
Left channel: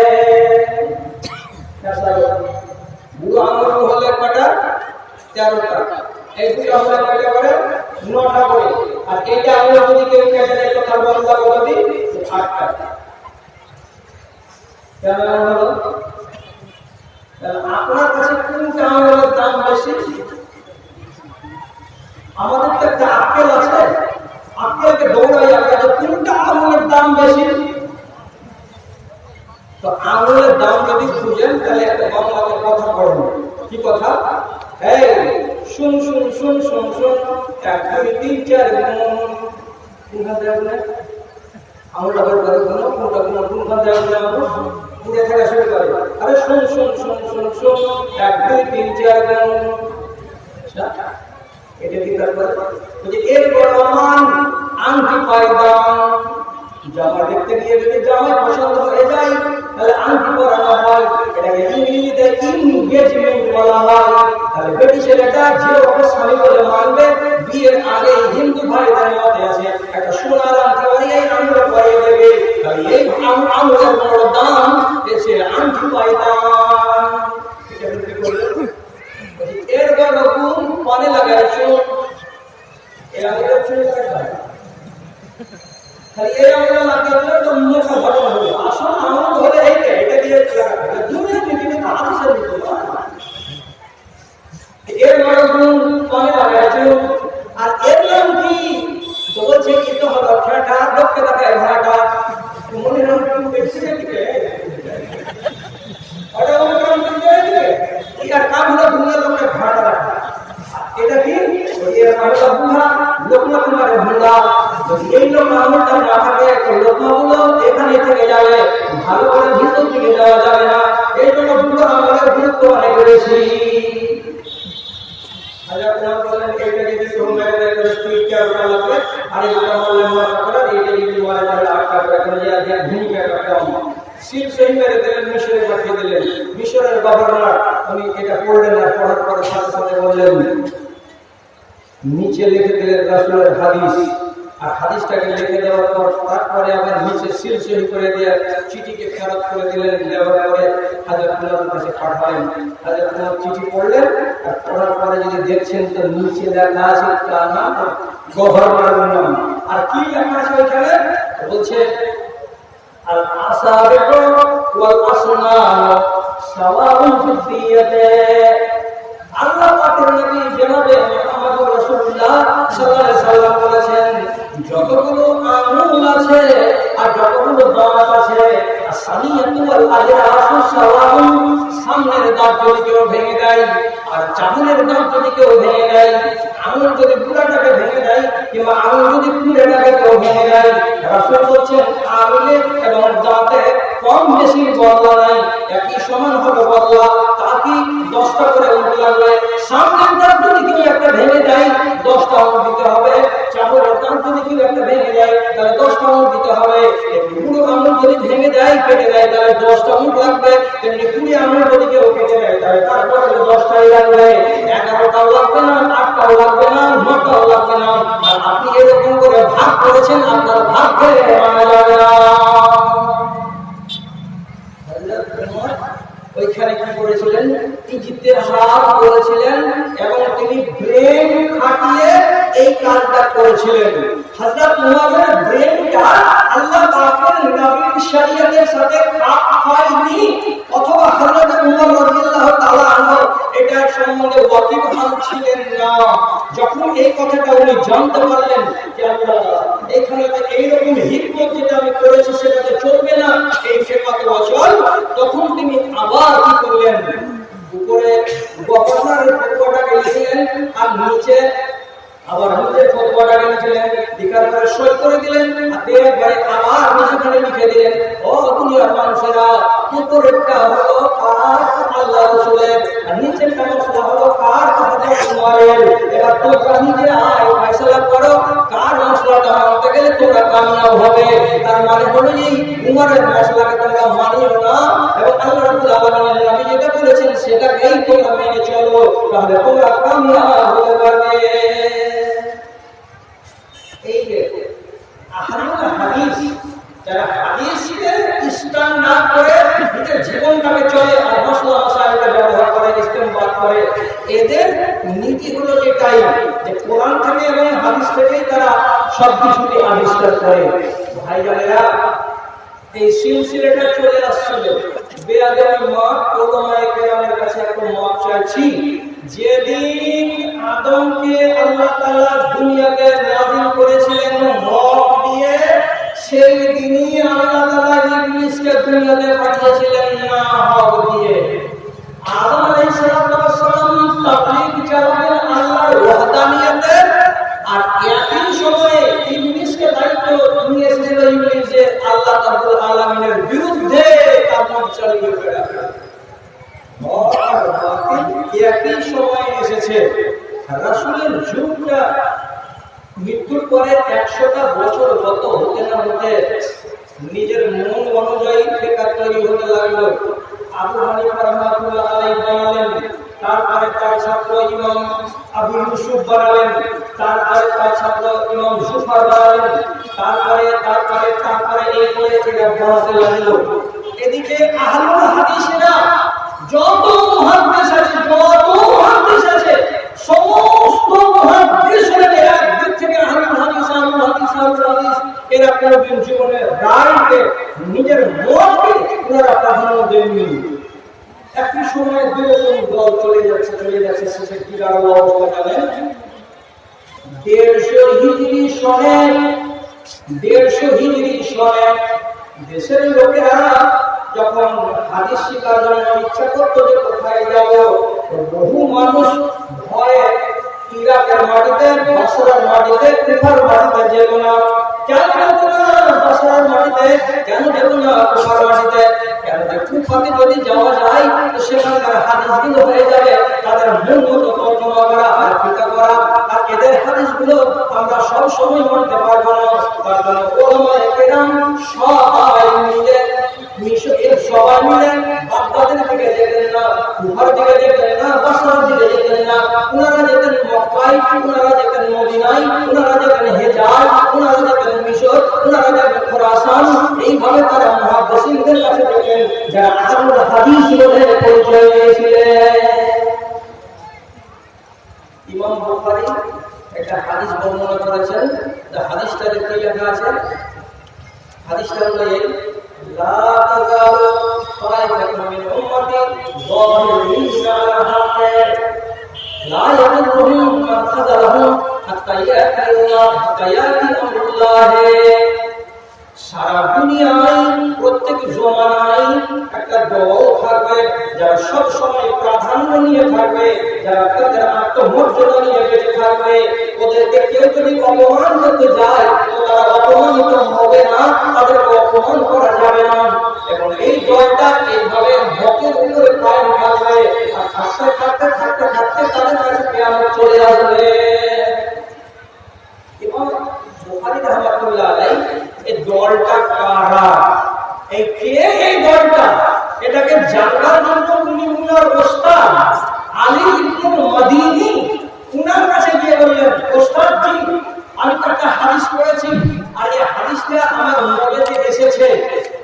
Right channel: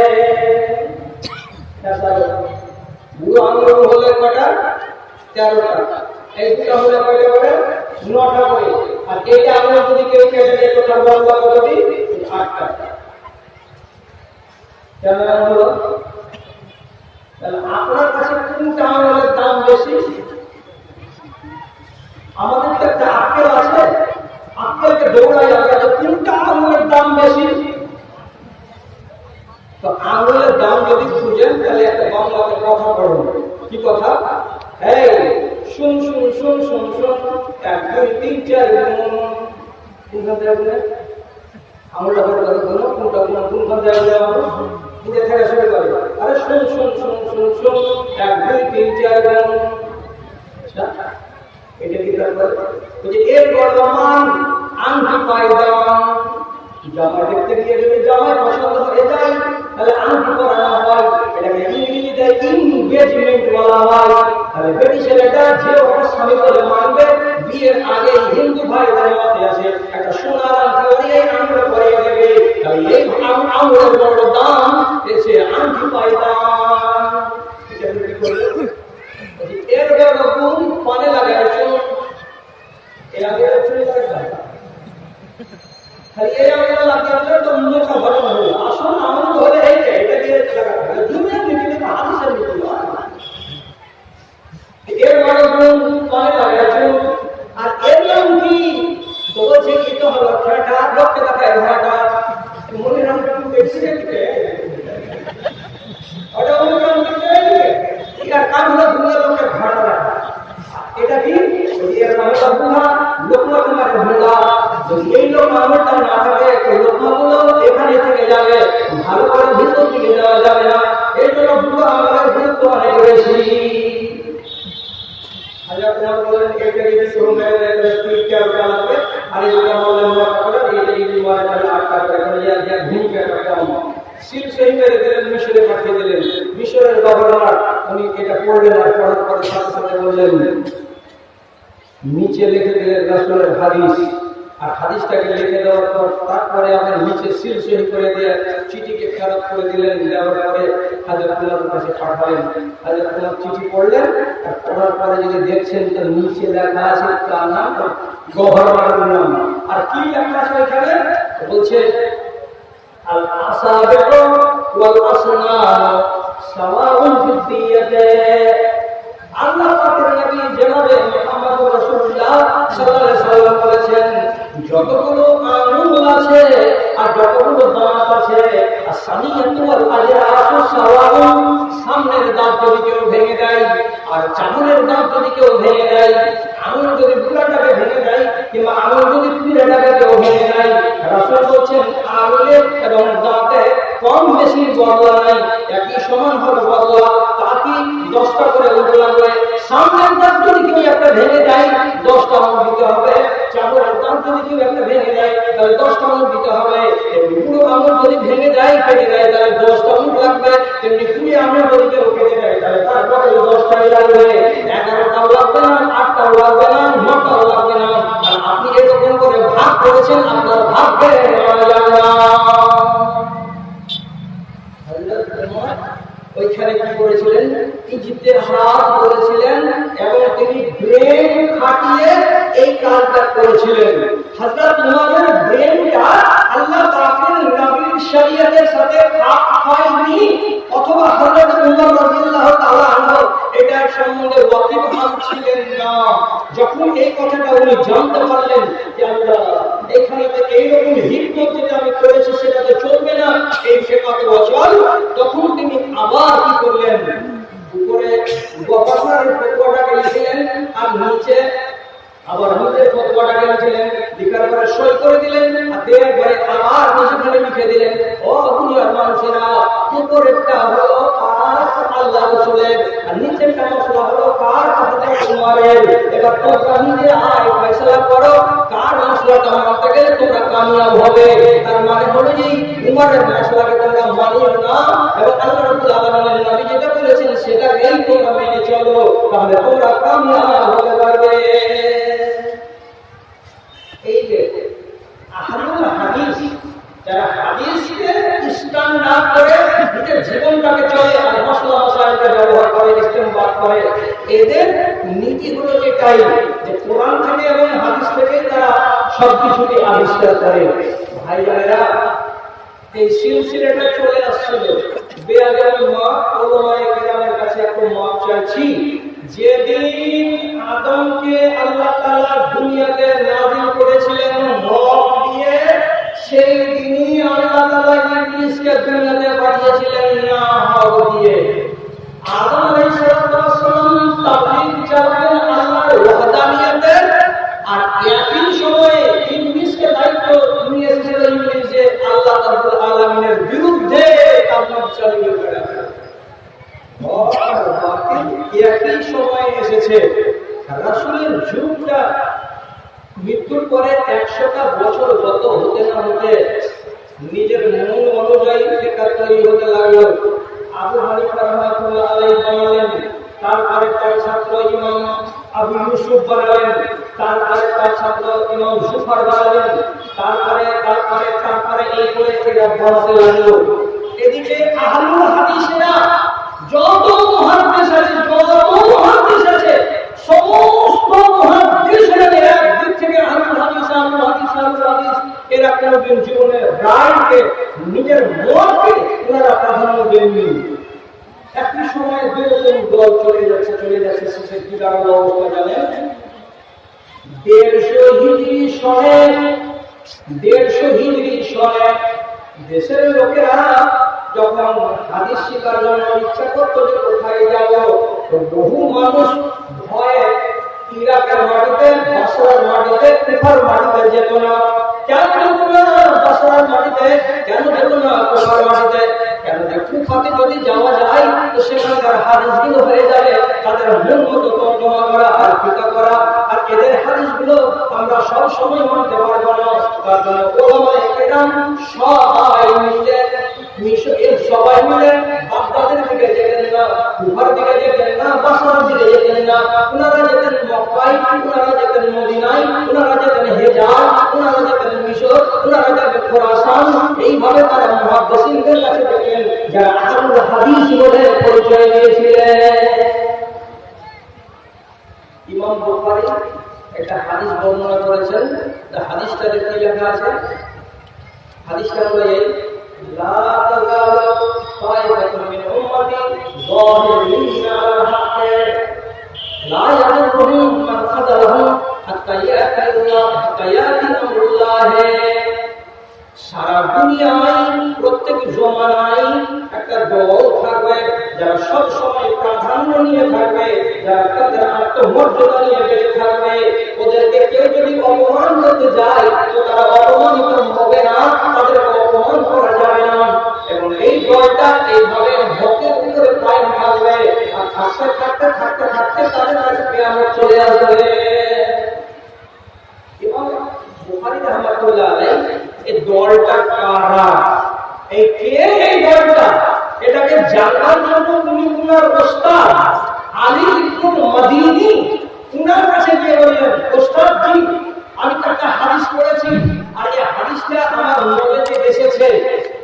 বুড়ো আঙুল হলে কটা? 13টা। এই দুটো হলে কয়টা করে? 9টা করে। আর এইটা আঙুল যদি কেউ কেটে দেয় তো তার বদলা কত দিন? 8টা। কেমন হলো? তাহলে আপনার কাছে কোনটা আঙুলের দাম বেশি? আমাদের তো একটা আক্কেল আছে, আক্কেলকে দৌড়াই আমরা যে কোনটা আঙুলের দাম বেশি। তো আঙুলের দাম যদি খুঁজেন তাহলে একটা বাংলাতে কথা পড়েন। কি কথা? এই শুন শুন শুন শুন শুন, 1 2 3 4 গুণ। কোনখান থেকে বলে আঙুলটা বের করে বলো, কোনটা কোন কোনখান থেকে বলে আমরা পুড়ে থাকা শুরু করে। আরে শুন শুন শুন শুন শুন, 1 2 3 4 গুণ। এটা কি তারপরে বলছে এর বড় মান আংটি পায়দান। জামা দেখতে গিয়ে যদি জামাই পছন্দ হয়ে যায় তাহলে আংটি পরানো হয়, এটাকে ইংরেজিতে এনগেজমেন্ট বলা হয়। তাহলে বেটি ছেলেটা যে ওকে স্বামী বলে মানবে, বিয়ের আগে হিন্দু ভাইদের মতে আছে একটা সোনার আংটি পরিয়ে আঙুলে পরিয়ে দেবে। তাহলে এই আঙুলের বড় দাম এসে আংটি পায়দান। এটা কি করবে? এর বড় গুণ পানে লাগায় চুন। এই আঙুলের চুন লাগায় খালি এই আঙুলে লাগালে তো মুখে ঘটনা হলো। আসল আঙুল হলে এইটা, এটা দিয়ে লাগাবে। দুনিয়া পৃথিবীতে হাদিসের নীতি হয়। এর বড় গুণ পানে লাগায় চুন। আর এর নাম কি? তো বলছে কি তো হলো খেটা, লোককে দেখায় ভাটা। মনে নাম কি বেশি দেখবে ওটা অনুক্রম করতে হবে। এর কাম হলো দুনিয়ার লোককে ভাটা দেখা। এটা কি? এর নাম হলো বুহা, লোকমা তোমার ভুলা। যদি এই লোক আমলটা না থাকে তো লোকমাগুলো এখানে থেকে যাবে, ভালো করে ভিতর দিকে যাওয়া যাবে না। এই জন্য বুড়ো আমলের গুরুত্ব অনেক বেশি। হাজার তোমার বললেন এইটা যদি শুরু মেরে দেয় তাহলে 13টা লাগবে, আর এই দুটো বললেন 9টা করে, এইটা যদি মরে তাহলে 8টা করে। এখানে যে ভূমিকাটা কম। সিল সহি মেরে দিলেন, মিশরে পাঠিয়ে দিলেন। মিশরের গভর্নর উনি এটা পড়লেন, আর পড়ার পরে সাথে সাথে বললেন, নিচে লিখে দিলেন রাসূলের হাদিস। আর হাদিসটাকে লিখে দেওয়ার পর তারপরে আবার নিচে সিল সহি করে দিয়ে চিঠিকে ফেরত করে দিলেন। দেওয়ার পরে হযরত উমরের কাছে পাঠালেন। হযরত উমর চিঠি পড়লেন, আর পড়ার পরে যদি দেখছেন তো নিচে লেখা আছে তার নাম, গভর্নরের নাম। আর কি লেখা আছে ওইখানে? বলছে আল আসাবিউ ওয়াল আসনান সাওয়াউন ফিদ দিয়াতে। আল্লাহ পাকের নবী জনাবে মুহাম্মদুর রাসূলুল্লাহ সাল্লাল্লাহু আলাইহি সাল্লাম বলেছেন, যতগুলো আঙ্গুল আছে আর যতগুলো দাঁত আছে, আসানিয়াতু ওয়াল আজরাসু সাওয়াউন, সামনের দাঁত যদি কেউ ভেঙে দেয় আর চামড়ের দাঁত যদি কেউ ভেঙে দেয়, আঙুল যদি পুরাটাকে ভেঙে দেয় কিংবা আঙুল যদি পুরাটাকে কেউ ভেঙে দেয়, রাসূল বলছেন আঙুলে এবং দাঁতে কম বেশি বদলা নাই, একই সমান হবে বদলা। তা কি 10টা করে উল্টো লাগবে। সামনের দাঁত যদি কেউ একটা ভেঙে যায় 10টা আঙুল দিতে হবে। চামড়ের দাঁত যদি কেউ একটা ভেঙে যায় তাহলে 10টা আঙুল দিতে হবে। এমনি পুরো আঙুল যদি ভেঙে যায়, কেটে দেয়, তাহলে 10টা আঙুল লাগবে। তেমনি 20 আঙুল যদি কেউ কেটে দেয় তাহলে তারপরে 10টাই লাগবে। 11টাও লাগবে না, 8টাও লাগবে না, 9টাও লাগবে না। আর আপনি এরকম করে ভাগ করেছেন, আপনার ভাগ্যে মানা যাবে না। ওইখানে কি করেছিলেন? ইজতিহাদ করেছিলেন এবং তিনি ব্রেন খাটিয়ে এই কাজটা করেছিলেন। হযরত উমরের ব্রেনটা আল্লাহ পাকের নবীর শরীয়তের সাথে খাপ খায়নি, অথবা হযরত উমর রাদিয়াল্লাহু তাআলা আনহু এটার সম্বন্ধে ওয়াকিবহাল ছিলেন না। যখন এই কথাটা উনি জানতে পারলেন যে আল্লাহ এখানে তো এইরকম হিকমত যেটা আমি করেছি সেটা তো আবার কি করলেন, উপরে গভর্নরের ফতোয়াটাকে লিখলেন আর নিচে আবার নিজের ফতোয়াটাকে লিখলেন, লিখার পরে সই করে দিলেন আর দেওয়ার পরে আবার নিজেখানে লিখে দিলেন, ও দুনিয়ার মানুষেরা, উপরেরটা হলো কার, আল্লাহ রাসূলের, আর নিচেরটা মশলা হলো কার, উমরের। এবার তোমরা নিজে আয় ফয়সালা করো কার মশলাটা মানতে গেলে তোমরা কামিয়াব হবে। তার মানে হলো যে উমরের মশলাকে তোমরা মানিও না এবং আল্লাহ রাব্বুল আলামিনের নবী যেটা বলেছেন সেটাকেই তোমরা মেনে চলো, তাহলে তোমরা কামিয়াব হতে পারবে। এই যে আহলুল হাদিস, যারা হাদিসকে স্ট্যান্ডার্ড করে নিজের জীবনটাকে চলে আর মশলা মশাইলকে ব্যবহার করে, ইস্তেমবাদ করে, এদের নীতি হলো এটাই যে কোরআন থেকে এবং হাদিস থেকেই তারা সবকিছুকে আবিষ্কার করে। ভাই বোনেরা, এই সিলসিলাটা চলে আসছিল, বেয়াদবি মাপ ওলামায়ে কেরামের কাছে একটা মাপ চাইছি। যেদিন আদমকে আল্লাহ তাআলা দুনিয়াতে নাযিল করেছিলেন হক দিয়ে, সেই দিনই আল্লাহ তাআলা ইবলিসকে দুনিয়াতে পাঠিয়েছিলেন না হক দিয়ে। আদম আলাইহিস সালাম তাবলীগ চালাতেন আল্লাহর ওয়াহদানিয়তের, আর একই সময়ে ইবলিসকে দায়িত্ব নিয়ে এসেছিল ইবলিস যে আল্লাহ রাব্বুল আলামিনের বিরুদ্ধে তাবলীগ চালিয়ে বেড়াবে। একই সময়ে এসেছে। রাসূলের যুগটা মৃত্যুর পরে 100টা বছর গত হতে না হতে নিজের মন অনুযায়ী ফিকহ তৈরি হতে লাগলো। আবু হানিফা রাহমাতুল্লাহ আলাইহি বানালেন, তারপরে তার ছাত্র ইমাম আবু ইউসুফ বানালেন, তারপরে তার ছাত্র ইমাম জুফার বানালেন, তারপরে এই করে এরা বানাতে লাগলো। এদিকে আহলুল হাদিসেরা যত মুহাদ্দিস আছে সমস্ত মুহাদ্দিসেরা একদিক থেকে আহলুল হাদিস এরা কোনদিন জীবনে রায়কে নিজের মতকে ওনারা প্রাধান্য দেননি। একই সময়ে দুই রকম দল চলে যাচ্ছে শেষে কি দাঁড়ালো অবস্থা জানেন? 150 হিজরি সনে দেশের লোকেরা যখন হাদিস শিকার জন্য ইচ্ছা করতো যে কোথায় যাব, বহু মানুষ ভয়ে ইরাকের মাটিতে, বাসরার মাটিতে, কুফার মাটিতে যেত না। কেন যেত না বাসরার মাটিতে, কেন যেত না কুফার মাটিতে? কেন যে কুফাতে যদি যাওয়া যায় তো সেখানকার হাদিসগুলো হয়ে যাবে তাদের মন মতো তর্জমা করা আর ফিকা করা, আর এদের হাদিসগুলো আমরা সব সময় মানতে পারবো না। তার জন্য ওলামায়ে কেরাম সবাই মিলে বাগদাদের দিকে যেতেন না, কুফার দিকে যেতেন না, বাসরার দিকে যেতেন না। ওনারা যেতেন মক্কায়, ওনারা যেতেন মদিনায়, ওনারা যেতেন হেজাজ, ওনারা যেতেন মিশর, ওনারা যেতেন খোরাসান। এইভাবে তারা মুহাদ্দিসিনদের কাছে যেতেন যারা আহলুল হাদিস বলে পরিচয় দিয়েছিলেন। ইমাম বুখারী একটা হাদিস বর্ণনা করেছেন, হাদিসটাতে কি লেখা আছে? হাদিসটা হলো এই, লা তাযালু তাইফাতুন মিন উম্মতি যাহিরিনা আলা হাক্কি লা ইয়াদুরুহুম মান খাযালাহুম হাত্তা ইয়াতি আমরুল্লাহ। সারা দুনিয়ায় প্রত্যেক জমানায় একটা দল থাকবে যারা সব সময় প্রাধান্য নিয়ে থাকবে, যারা তাদের আত্মমর্যাদা নিয়ে বেঁচে থাকবে। ওদেরকে কেউ যদি অপমান করতে যায় তো তারা অপমানিত হবে না, তাদেরকে অপমান করা যাবে না। এবং এই দলটা এইভাবে হকের উপরে কায়েম থাকবে আর থাকতে থাকতে থাকতে থাকতে তাদের কাছে কিয়ামত চলে আসবে। এবং বুখারী রাহমাতুল্লাহ আলাইহি এই দলটা কারা, এই কে এই দলটা, এটাকে জানার জন্য উনি উনার ওস্তাদ আলী ইবনে মাদিনী উনার কাছে গিয়ে বললেন, ওস্তাদ জি আমি তো একটা হাদিস পড়েছি আর এই হাদিসটা আমার নলেজে এসেছে,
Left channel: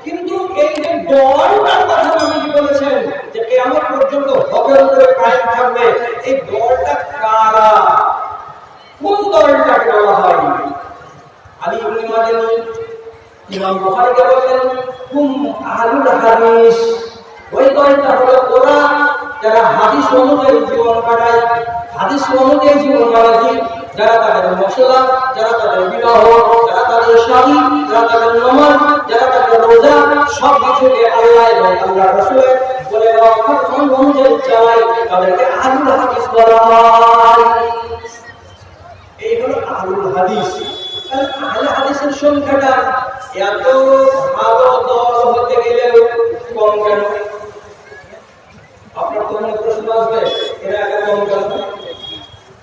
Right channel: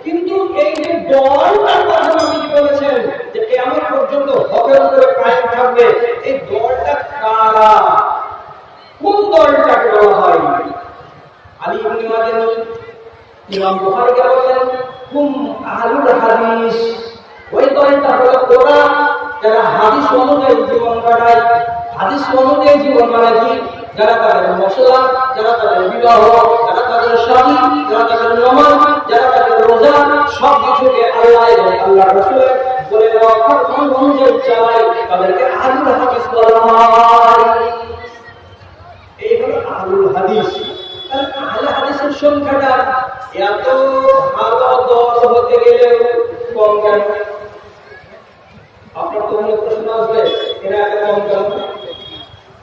কিন্তু এই যে দলটার কথা নবীজি বলেছেন যে কিয়ামত পর্যন্ত হকের উপরে কায়েম থাকবে, এই দলটা কারা, কোন দলটাকে বলা হয়? আলী ইবনে মাদিনী ইমাম বুখারীকে বললেন, হুম আহলুল হাদিস। ওই দলটা হলো ওরা যারা হাদিস অনুযায়ী জীবন কাটায়। হাদিস অনুযায়ী জীবন মানে কি? যারা তাদের মশলা, যারা তাদের বিবাহ, যারা তাদের শাদী, যারা তাদের নামাজ, যারা তাদের রোজা, সব কিছুকে আল্লাহ এবং আল্লাহর রাসূলের বলে না ফরমান চালায় তাদেরকে আহলুল হাদিস বলা হয়। এই হলো আহলুল হাদিস। তাহলে আহলে হাদিসের সংখ্যাটা এত ভালো দল হতে গেলেও কম কেন? আপনার তো মনে প্রশ্ন আসবে, এরা এত কম কেন?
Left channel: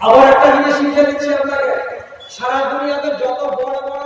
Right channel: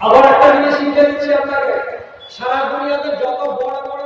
আবার একটা জিনিস শিখে দিচ্ছি আপনাকে, সারা দুনিয়াতে যত বড় বড়